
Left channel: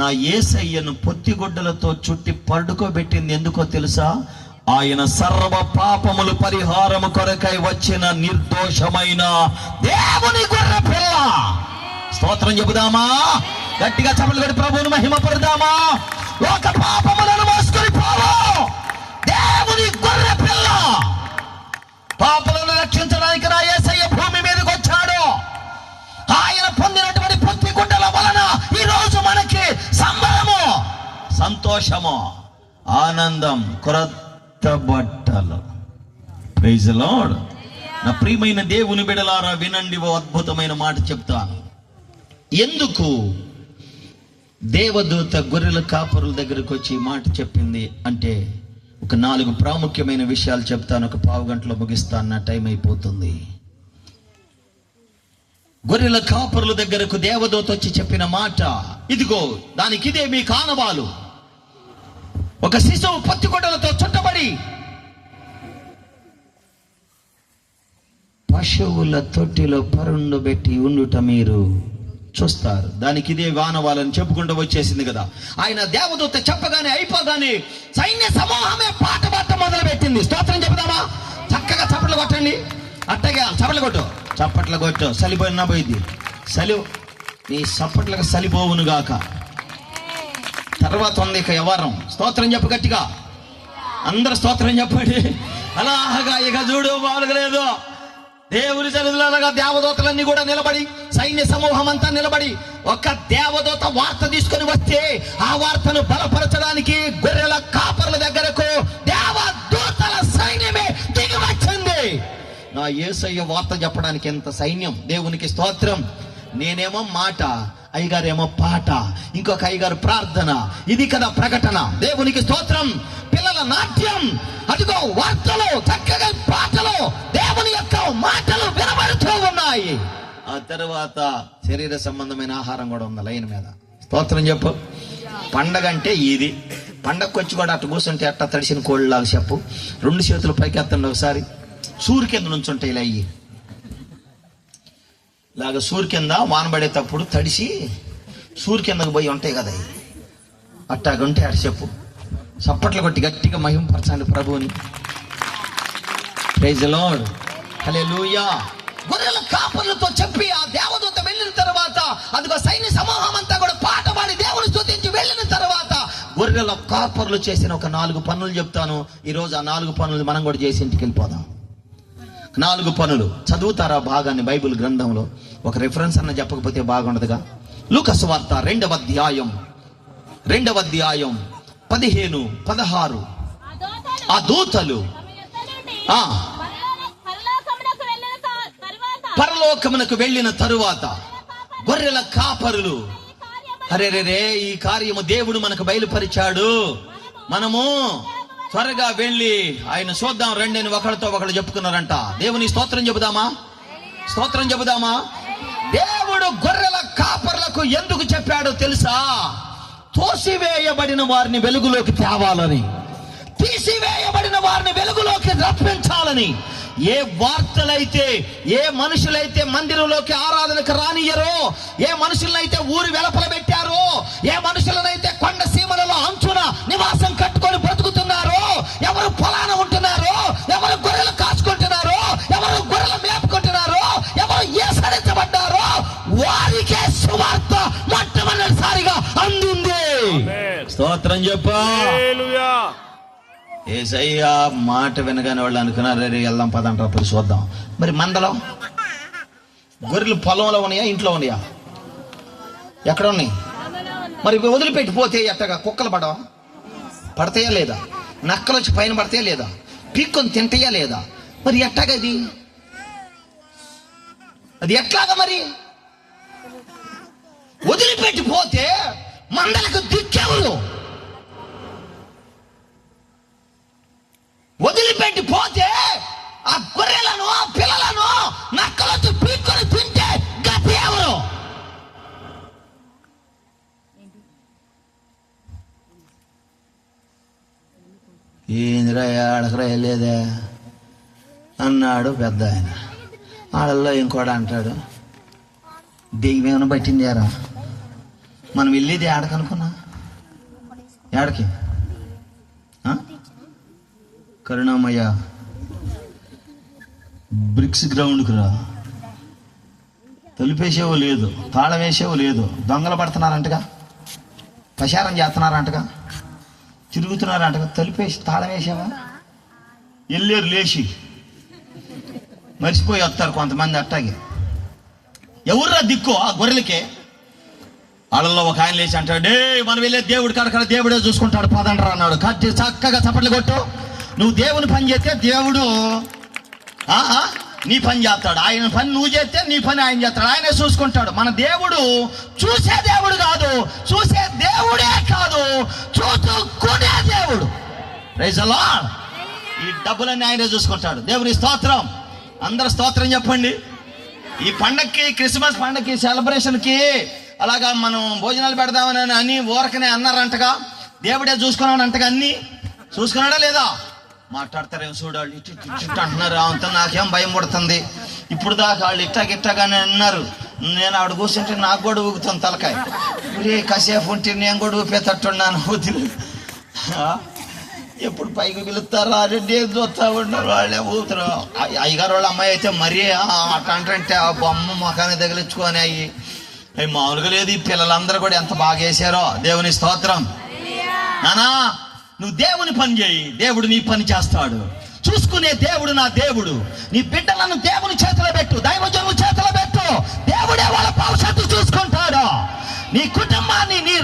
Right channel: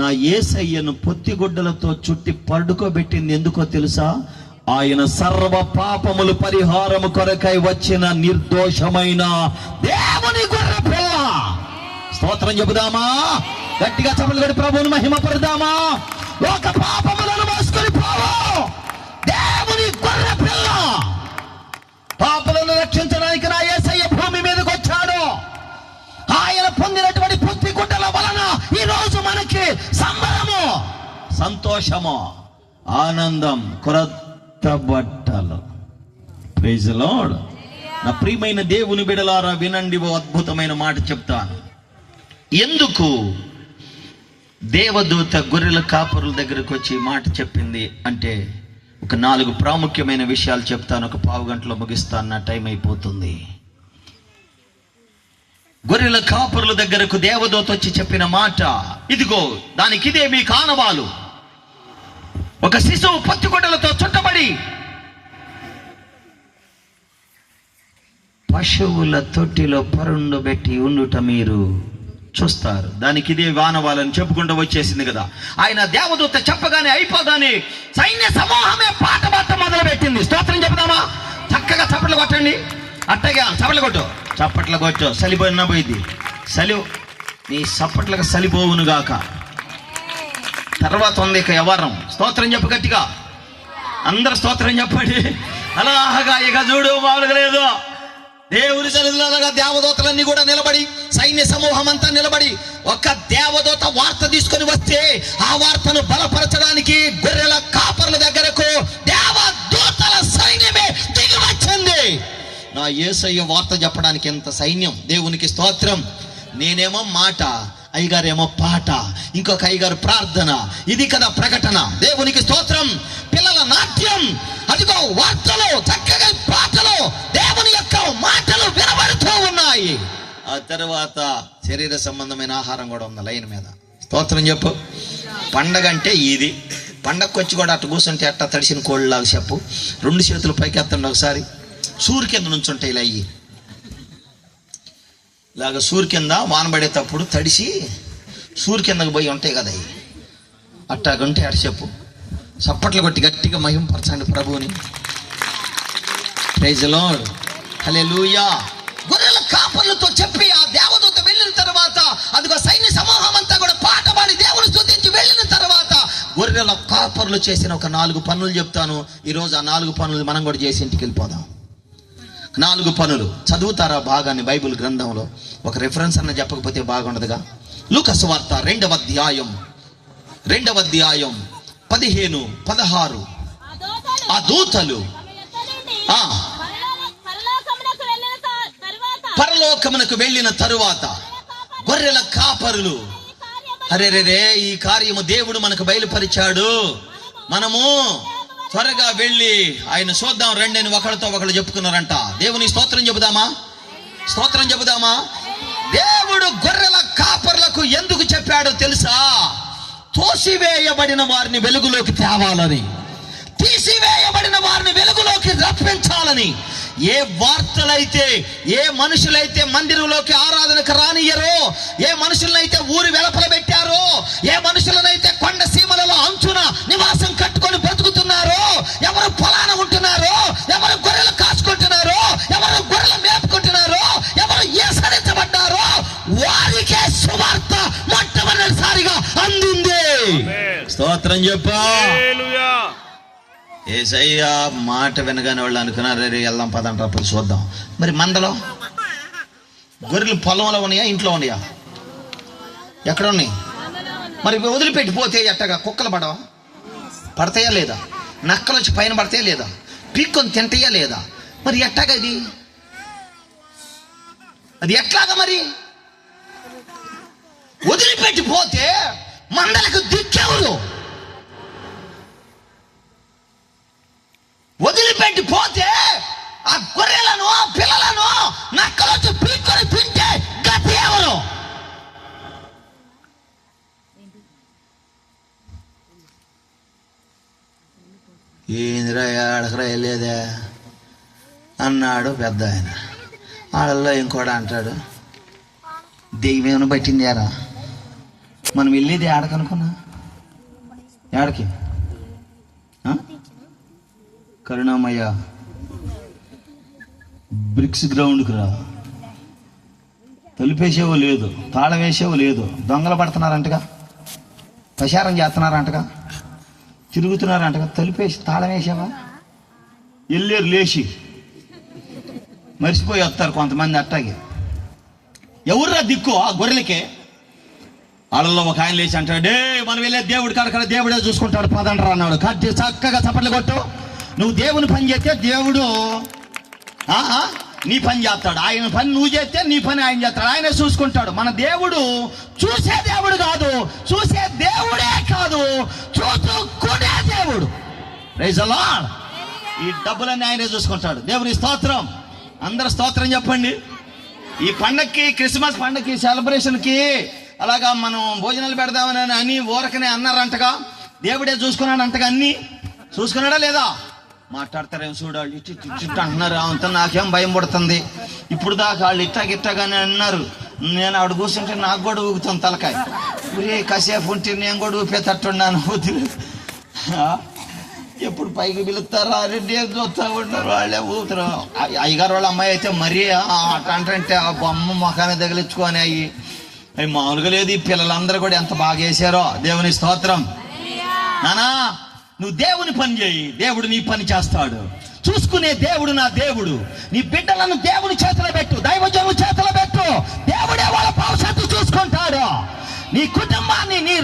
నా యేసయ్యను పొత్తిగుడ్డలతో చుట్టి పడుకోబెట్టింది ఎందుకో తెలుసా? ఆయన సర్వ పాపములు పరిహారము కొరకై వచ్చిన నిర్దోషమైన దేవుని గొర్రె పిల్ల. స్తోత్రం చెబుదామా? గట్టిగా చప్పట్లు కొట్టి ప్రభువును మహిమ పడదామా? ఒక పాపములను మోసుకొని పోవు దేవుని గొర్రె పిల్ల. పాపలను రక్షించడానికి నా యేసయ్య భూమి మీదకి వచ్చాడు. ఆయన పొందినటువంటి పొత్తి గుడ్డల వలన ఈ రోజు మనకి సంబరము, సంతోషము, ఆనందం, కొత్త బట్టలు. Praise the lord. నా ప్రియమైన దేవుని బిడ్డలారా వినండి, ఓ అద్భుతమైన మాట చెప్తాను. ఎందుకు దేవదూత గొర్రెల కాపరుల దగ్గరకు వచ్చి మాట చెప్పింది అంటే ఒక 4 ప్రాముఖ్యమైన విషయాలు చెప్తాను. ఒక పావు గంటలో ముగిస్తాను, నా టైం అయిపోతుంది. గొర్రెల కాపరుల దగ్గరకు దేవదూత వచ్చి చెప్పిన మాట ఇదిగో, దానికి ఇదే మీ కానవాలు. ఒక శిశువు పొత్తిగుడ్డలతో చుట్టబడి పశువుల తొట్టిలో పరుండబెట్టి ఉండుట మీరు చూస్తారు. దానికి ఇదే వానవాలని చెప్పుకుంటూ వచ్చేసింది కదా. ఆయన దేవదూత చెప్పగానే అయిపోగానే సైన్య సమూహమే పాట మొదలు పెట్టింది. స్తోత్రం చెప్దామా? చక్కగా చప్పట్లు కొట్టండి. అట్టగా చప్పట్లు కొట్టు. సలిపోయినా పోయింది. నీ చప్పట్లకు సలిపోవును గాక. తర్వాత ఉంది ఇక వ్యవహారం. స్తోత్రం చెప్పు గట్టిగా, అందరు స్తోత్రం చెప్పండి. అలాగా ఇక చూడు, మామూలుగా లేదు. దేవుని సన్నిధిలో దేవదూతలన్నీ కూడా నిలబడి, సైన్య సమూహం అంతా నిలబడి, ఒక దేవదూత వార్త తీసుకొని వస్తే ఆ వార్తను బలపరచడానికి గొర్రెల కాపరుల దగ్గరకు దేవదూతల సైన్యమే దిగి వచ్చింది. నా యేసయ్య వార్త చెప్పడానికి ఎంత సైన్యం! దేవునికి స్తోత్రం. నేనేమో మాట, అయ్యగారేమో పాట, ఇంకొక అయ్యగారు ప్రార్థన. ఇది కదా ప్రకటన. దేవునికి స్తోత్రం. పిల్లల నాట్యం, అదిగో వార్తలు, చక్కగా పాటలు, దేవుని యొక్క మాటలు వినబడుతూ ఉన్నాయి. ఆ తర్వాత శరీర సంబంధమైన ఆహారం కూడా ఉంది లైన్ మీద. స్తోత్రం చెప్పు. పండగ అంటే ఇది. పండగకు వచ్చి కూడా అట్ట కూర్చుంటే అట్ట తడిసిన కోళ్ళలాగా చెప్పు. 2 చేతులు పైకి ఎత్తండి ఒకసారి. సూర్యు కింద నుంచుంటాయి ఇలా అయ్యి ఇలాగ సూర్యు కింద వానబడేటప్పుడు తడిసి సూర్యు కిందకు పోయి ఉంటాయి కదా, అట్టాగుంటే అటు చెప్పు. చప్పట్లు కొట్టి గట్టిగా మహింపరచండి ప్రభువుని. ప్రైజ్ ది లార్డ్, హల్లెలూయా. గొర్రెల కాపర్లతో చెప్పి ఆ దేవదూత వెళ్ళిన తర్వాత అదిగో సైన్య సమూహం అంతా కూడా పాట పాడి దేవుని స్తుతించి వెళ్ళిన తర్వాత గొర్రెల కాపర్లు చేసిన ఒక 4 పనులు చెప్తాను. ఈరోజు ఆ 4 పనులు మనం కూడా చేసి ఇంటికి వెళ్ళిపోదాం. 4 పనులు చదువుతారా భాగాన్ని బైబిల్ గ్రంథంలో? ఒక రిఫరెన్స్ అన్న చెప్పకపోతే బాగుండదుగా. లూకా సువార్త 2వ అధ్యాయం 15, 16. ఆ దూతలు పరలోకమునకు వెళ్ళిన తరువాత గొర్రెల కాపరులు అరే ఈ కార్యము దేవుడు మనకు బయలుపరిచాడు, మనము త్వరగా వెళ్ళి ఆయన చూద్దాం రండి అని ఒకళ్ళతో ఒకళ్ళు చెప్పుకున్నారంట. దేవుని స్తోత్రం చెబుదామా? స్తోత్రం చెబుదామా? దేవుడు గొర్రెల కాపర్లకు ఎందుకు చెప్పాడో తెలుసా? తోసివేయబడిన వారిని వెలుగులోకి తేవాలని, తీసివేయబడిన వారిని వెలుగులోకి రప్పించాలని. ఏ వార్తలైతే, ఏ మనుషులైతే మందిరంలోకి ఆరాధనకు రానియ్యరో, ఏ మనుషులనైతే ఊరి వెలపల పెట్టారో, ఏ మనుషులనైతే కొండ సీమలలో అంచున నివాసం కట్టుకొని బ్రతుకుతున్నారో, ఎవరు పొలాన ఉంటున్నారో, ఎవరు గొర్రెలు కాచుకుంటున్నారో, ఎవరు గొర్రెలు మేపుకుంటున్నారో, ఎవరు ఏసరించబడ్డారో వారికే సువార్త మొట్టమొదటిసారిగా అందింది. స్తోత్రం చెప్పా. ఏసయ్యా మాట వినగానే వాళ్ళు అనుకున్నారు రే వెళ్దాం పదంటారు, పోయి చూద్దాం. మరి మందలో గొర్రెలు పొలంలో ఉన్నాయా, ఇంట్లో ఉన్నాయా? ఎక్కడ ఉన్నాయి? మరి వదిలిపెట్టిపోతే ఎట్టగా? కుక్కలు పడవా? పడతాయా లేదా? నక్కలు వచ్చి పైన పడతాయా లేదా? పీక్కొని తింటాయా లేదా? మరి ఎట్టగా అది ఎట్లాగా? మరి వదిలిపెట్టిపోతే మందలకు దిక్కెవరు? వదిలిపెట్టిపోతే ఆ గొర్రెలను, ఆ పిల్లలను నక్కలొచ్చి పీక్కొని తింటే గతి ఎవరు? ఏందిరా ఆడకరా వెళ్ళేదే అన్నాడు పెద్ద ఆయన. వాళ్ళల్లో ఇంకోటి అంటాడు, దెయ్యం ఏమైనా పట్టిందేరా? మనం వెళ్ళేది ఆడకనుకున్నా, ఆడకి కరుణామయ్య బ్రిక్స్ గ్రౌండ్కి రా. తలుపేసేవో లేదు, తాళం వేసేవో లేదు, దొంగలు పడుతున్నారంటగా, ప్రచారం చేస్తున్నారంటగా, తిరుగుతున్నారంటగా. తలుపేసి తాళం వేసావా? వెళ్ళారు లేచి, మర్చిపోయి వస్తారు కొంతమంది. అట్టాగే ఎవర్రా దిక్కు ఆ గొర్రెలకే? వాళ్ళల్లో ఒక ఆయన లేచి అంటాడు, మనం వెళ్ళే దేవుడు కాడ దేవుడే చూసుకుంటాడు పదండ్రా అన్నాడు. కట్టి చక్కగా చప్పట్లు కొట్టు. నువ్వు దేవుని పని చేస్తే దేవుడు నీ పని చేస్తాడు, ఆయన పని నువ్వు చేస్తే నీ పని ఆయన చేస్తాడు, ఆయనే చూసుకుంటాడు. మన దేవుడు చూసే దేవుడు కాదు, చూసే దేవుడే కాదు, చూసుకునే దేవుడు. Praise the lord. ఈ డబ్బులన్నీ ఆయనే చూసుకుంటాడు. దేవుని స్తోత్రం. అందరు స్తోత్రం చెప్పండి. ఈ పండక్కి, క్రిస్మస్ పండక్కి, సెలబ్రేషన్కి అలాగా మనం భోజనాలు పెడదామని అని ఊరకనే అన్నారంటగా. దేవుడే చూసుకున్నాడు అంటగా. అన్ని చూసుకున్నాడా లేదా? మాట్లాడతారేమో చూడాలి, ఇటు అంటున్నారు. అంత నాకేం భయం పడుతుంది. ఇప్పుడు దాకా వాళ్ళు ఇట్టాగిట్టాగానే అన్నారు. నేను ఆవిడ కూర్చుంటే నాకు కూడా ఊగుతుంది తలకాయ. కాసేపు ఉంటే నేను కూడా ఊపేటట్టున్నాను. ఎప్పుడు పైకి పిలుస్తారా రెడ్డి చూస్తా ఉన్నారు, వాళ్ళే ఊపుతారు. అయ్యగారు వాళ్ళ అమ్మాయి అయితే మరీ అంటే ఆ బొమ్మ మొఖాన్ని తగిలించుకొని అవి మామూలుగా లేదు. ఈ పిల్లలందరూ కూడా ఎంత బాగా వేసారో. దేవుని స్తోత్రం. నానా నువ్వు దేవుని పని చేయి, దేవుడు నీ పని చేస్తాడు. చూసుకునే దేవుడు నా దేవుడు. నీ బిడ్డలను దేవుని చేతిలో పెట్టు, దైవజను చేతిలో పెట్టు. దేవుడే వాళ్ళ భవిష్యత్తు చూసుకుంటాడు. నీ కుటుంబాన్ని, నీ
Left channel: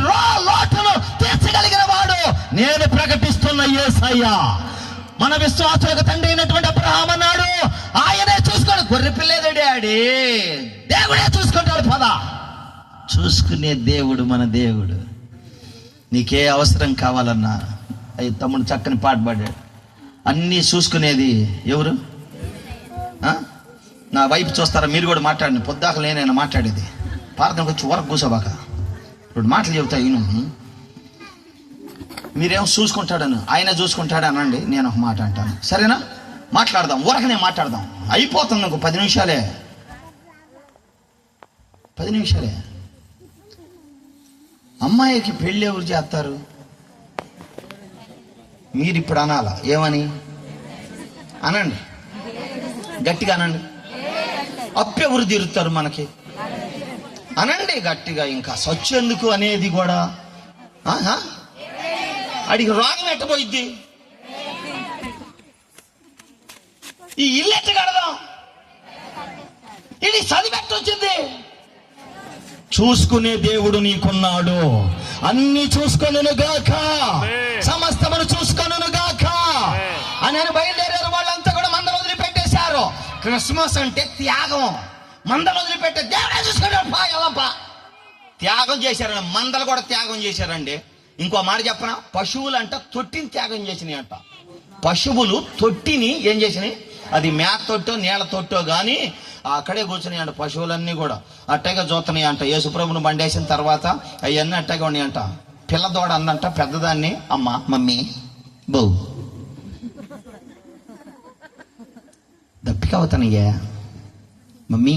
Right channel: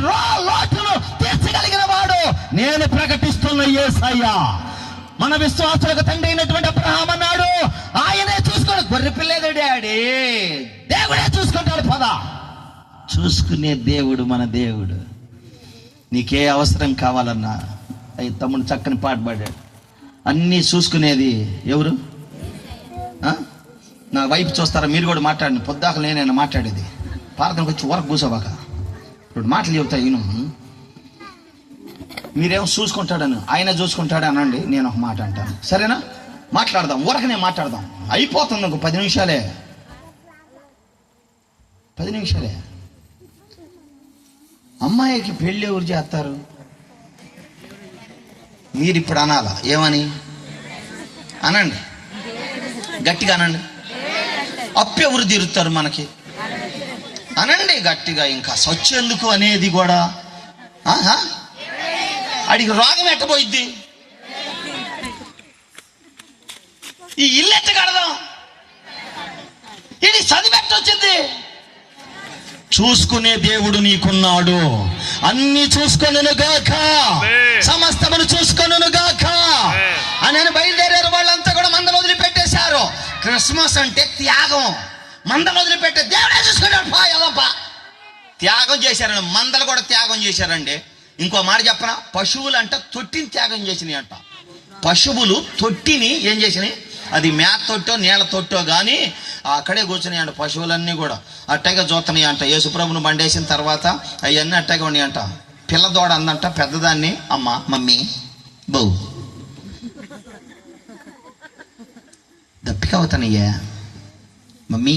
లోటును తీర్చగలిగిన వాడు నేను ప్రకటిస్తున్న యేసయ్య. మన విశ్వాసులకు తండ్రి అయినటువంటి అబ్రహాము అన్నాడు, ఆయనే చూసుకోండి. గొర్రె పిల్లేదే డాడీ, దేవుడే చూసుకుంటాడు. పద, చూసుకునే దేవుడు మన దేవుడు. నీకే అవసరం కావాలన్నా తమ్ముడు చక్కని పాట పాడాడు. అన్నీ చూసుకునేది ఎవరు? నా వైపు చూస్తారా? మీరు కూడా మాట్లాడండి. పొద్దాక నేనైనా మాట్లాడేది. ప్రార్థనకు వచ్చి వరకు కూర్చోబాక. ఇప్పుడు మాటలు చెబుతా ఈయన. మీరేమో చూసుకుంటాడని, ఆయన చూసుకుంటాడు అనండి. నేను ఒక మాట అంటాను, సరేనా? మాట్లాడదాం, ఊరకనే మాట్లాడదాం. అయిపోతుంది ఇంకో 10 నిమిషాలే. 10 నిమిషాలే. అమ్మాయికి పెళ్ళి ఎవరు చేస్తారు? మీరు ఇప్పుడు అనాలా, ఏమని అనండి, గట్టిగా అనండి. అప్పు ఎవరు తీరుతారు మనకి? అనండి గట్టిగా. ఇంకా సచ్చేందుకు అనేది కూడా అడిగి రోగం ఎట్టబోయిద్ది? ఈ ఇల్లు ఎట్ట కడదాం? ఇది చదివెట్టొచ్చింది. చూసుకునే దేవుడు నీకున్నాడు. అన్ని చూసుకొనును గాక, సమస్తమును చూసుకొనును గాక అని బయలుదేరారు. వాళ్ళంతా కూడా మందలు వదిలిపెట్టేశారు. క్రిస్మస్ అంటే త్యాగం. మందలు వదిలిపెట్టే దేవుడే చూసుకున్నాడు. పాయలపా త్యాగం చేశారండి. మందలు కూడా త్యాగం చేశారండి. ఇంకో మాట చెప్పనా, పశువులు అంట తొట్టిని త్యాగం చేసినాయి అంట. పశువులు తొట్టిని ఏం చేసినాయి? అది మేత తొట్టో నీళ్ళ తొట్టో కానీ అక్కడే కూర్చున్నాయి అంట. పశువులన్నీ కూడా అట్టగా చూస్తున్నాయి అంట. యేసుప్రభుని బండేసిన తర్వాత అవన్నీ అట్టగా ఉన్నాయి అంట. పిల్లదోడ అందంట పెద్దదాన్ని, అమ్మ మమ్మీ బౌ దప్పిక అవుతానయ్యా మమ్మీ,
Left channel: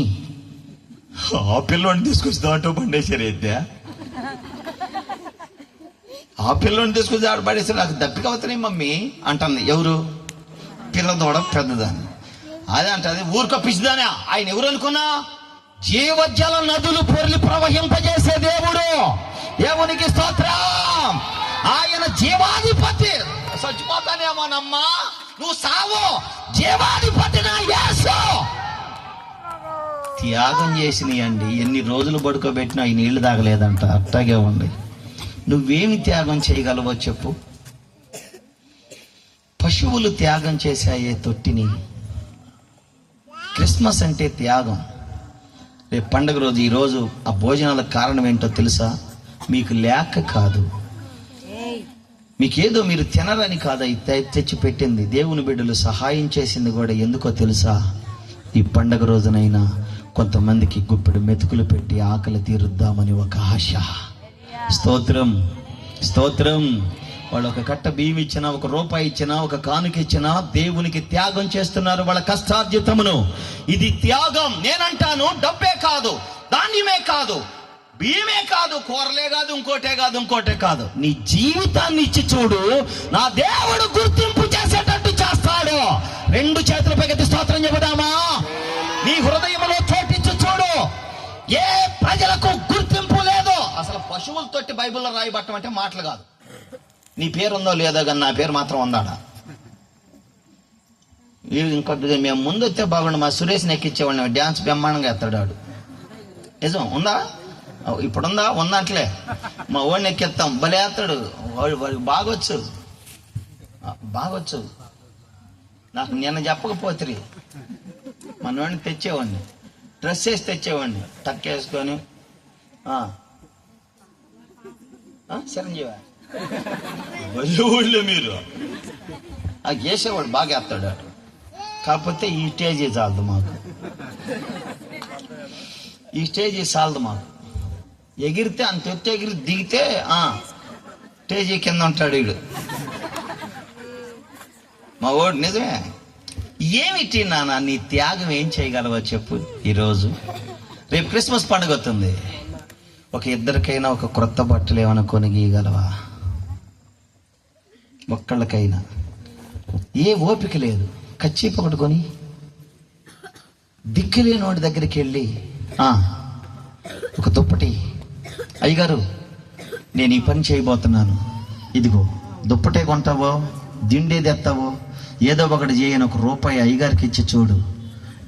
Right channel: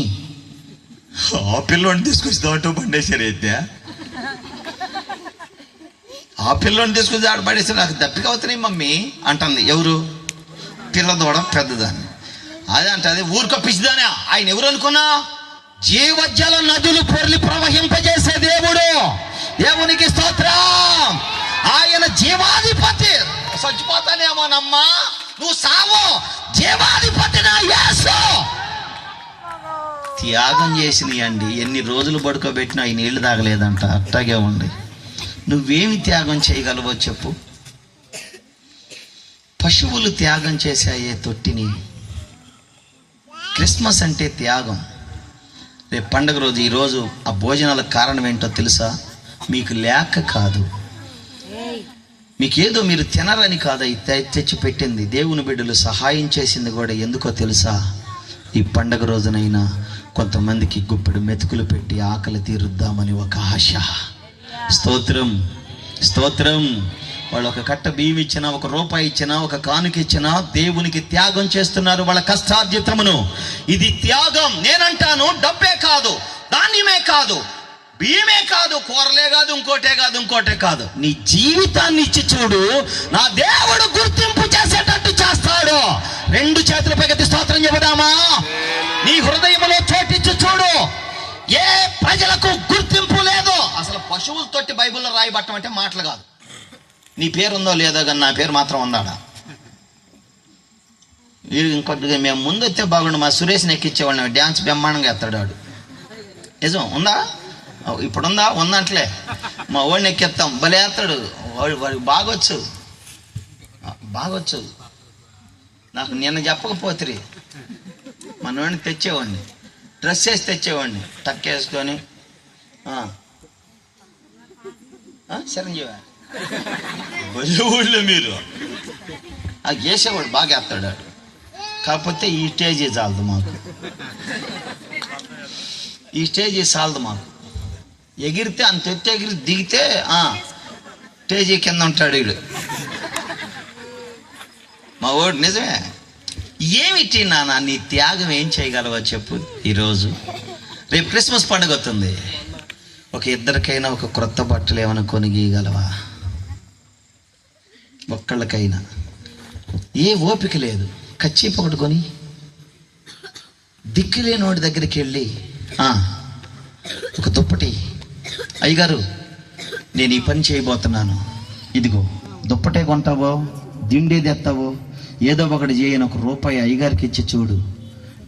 ఆ పిల్లోని తీసుకొచ్చి బండేశారు అయితే, ఆ పిల్లోని తీసుకొచ్చి ఆడ పడేసి నాకు దప్పిక అవుతున్నాయి మమ్మీ అంటుంది. ఎవరు? పిల్లదోడ పెద్దదాన్ని. అదే అంటది ఊరిక పిచ్చిదానే. ఆయన ఎవరు అనుకున్నా? జీవజల నదులు పొర్లి ప్రవహింపజేసే దేవుడు. దేవునికి స్తోత్రం. ఆయన జీవాధిపతి. చచ్చిపోతానేమోనమ్మా, నువ్వు సావు, జీవాధిపతి నా యేసు. త్యాగం చేసినాయండి. ఎన్ని రోజులు పడుకోబెట్టినా ఈ నీళ్లు తాగలేదంట. అట్టాగే ఉంది. నువ్వేమి త్యాగం చేయగలవో చెప్పు. పశువులు త్యాగం చేశాయే తొట్టిని. క్రిస్మస్ అంటే త్యాగం. రేపు పండుగ రోజు, ఈరోజు ఆ భోజనాలకు కారణం ఏంటో తెలుసా? మీకు లేక కాదు, మీకేదో మీరు తినరని కాదు తెచ్చి పెట్టింది. దేవుని బిడ్డలు సహాయం చేసింది కూడా ఎందుకో తెలుసా? ఈ పండుగ రోజునైనా కొంతమందికి గుప్పెడు మెతుకులు పెట్టి ఆకలి తీరుద్దామని ఒక ఆశ. స్తోత్రం, స్తోత్రం. వాళ్ళు ఒక కట్ట బియ్యం ఇచ్చినా, ఒక రూపాయి ఇచ్చినా, ఒక కానుక ఇచ్చినా దేవునికి త్యాగం చేస్తున్నారు వాళ్ళ కష్టార్జితమును. ఇది త్యాగం. నేనంటాను డబ్బే కాదు, ధాన్యమే కాదు, బియ్యమే కాదు, కూరలే కాదు, ఇంకోటే కాదు. నీ జీవితాన్ని ఇచ్చి చూడు, నా దేవుడు గుర్తింపు చేసేటట్టు చేస్తాడు. రెండు చేతుల పైకి స్తోత్రం చెబుదామా? నీ హృదయంలో చోటిచ్చి చూడు. ఏ ప్రజలకు గుర్తింపు లేదు. అసలు పశువులతోటి బైబిల్లో రాయబట్టం అంటే మాటలు కాదు. నీ పేరు ఉందో లేదో కానీ నా పేరు మాత్రం ఉందాడా? ఇంకొద్దిగా మేము ముందు వస్తే బాగుండు. మా సురేష్ని ఎక్కించేవాళ్ళని, డ్యాన్స్ బ్రహ్మాండంగా ఎత్తాడు వాడు. నిజం ఉందా? ఇప్పుడుందా? ఉందంటలే. మా వాడిని ఎక్కిస్తాం, భలే ఎత్తాడు వాడు. బాగొచ్చు. నాకు నిన్న చెప్పకపోతే మన వాడిని తెచ్చేవాడిని, డ్రెస్ వేసి తెచ్చేవాడిని, టక్ వేసుకొని. చిరంజీవా ఊళ్ళో మీరు వేసేవాడు బాగా వేస్తాడు. కాకపోతే ఈ స్టేజీ చాలదు మాకు, ఈ స్టేజీ చాలదు మాకు. ఎగిరితే అంత ఎత్తు ఎగిరి దిగితే స్టేజీ కింద ఉంటాడు వీడు మా ఓడు. నిజమే. ఏమిటి నాన్న నీ త్యాగం ఏం చేయగలవో చెప్పు. ఈరోజు రేపు క్రిస్మస్ పండుగ వస్తుంది. ఒక ఇద్దరికైనా ఒక క్రొత్త బట్టలు ఏమైనా కొనిగీయగలవా? ఒక్కళ్ళకైనా. ఏ ఓపిక లేదు. కచ్చీపు ఒకటి కొని దిక్కులేని వాడి దగ్గరికి వెళ్ళి ఒక దుప్పటి, అయ్యగారు నేను ఈ పని చేయబోతున్నాను, ఇదిగో దుప్పటే కొంటావో, దిండేది ఎత్తావో, ఏదో ఒకటి చేయని ఒక రూపాయి అయ్యగారికి ఇచ్చి చూడు.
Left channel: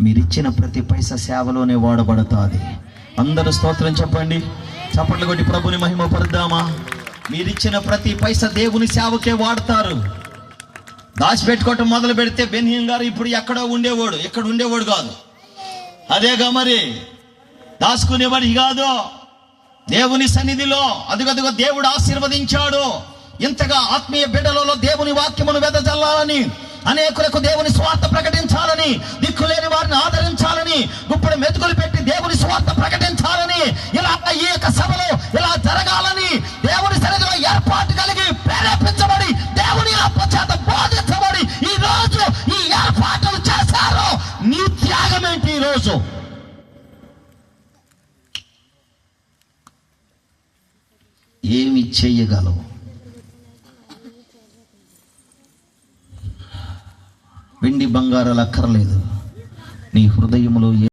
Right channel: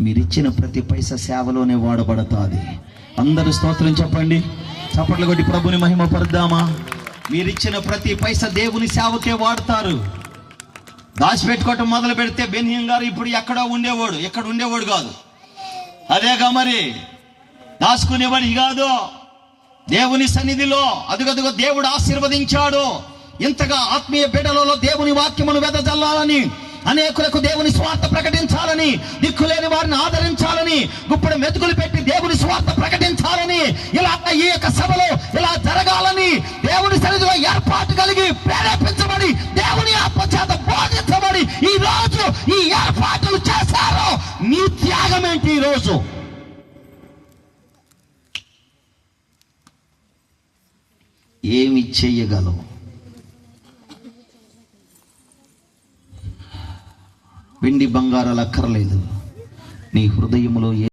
మీరిచ్చిన ప్రతి పైసా సేవలోనే వాడబడుతుంది. అందరూ స్తోత్రం చెప్పండి. చప్పట్లు కొట్టి ప్రభుని మహిమ పరుద్దామా? మీరిచ్చిన ప్రతి పైసా దేవుని సేవకే వాడతారు. దాచిపెట్టుకోవటం మొదలు పెడితే బెన్హీన్ గారు ఇప్పుడు ఎక్కడో ఉండేవాడు, ఎక్కడ ఉండేవాడు కాదు. అదేగా మరి దాచుకునేవాడి కాదు. దేవుని సన్నిధిలో అదుగదుగో దేవుడు ఆశీర్వదించాడు. ఇంతగా ఆత్మీయ బిడ్డలలో దేవుని వాక్యమును వెదజల్లాలని, అనేకులకు దేవుని స్వార్థ ప్రకటించాలని, దిక్కులేని వారిని ఆదరించాలని, గుప్పడి మెతుకులు పెట్టి దేవుని స్వార్థ ప్రకటించాలని, ఇలా ఈ యొక్క సభలో ఇలా జరగాలని దేవుని సన్నిధిలో ఏర్పాటు కలిగి ప్రేరేపించబడి దేవుని ఆత్మచేత బోధించబడి ఈ రోజు ఈ ఏర్పాట్లు చేశారు. నీ త్యాగం ఏంటి? ఈ రోజు ఏమి చెయ్యగలవు? వెండి బంగారాలు అక్కర్లేదు. నీ హృదయములో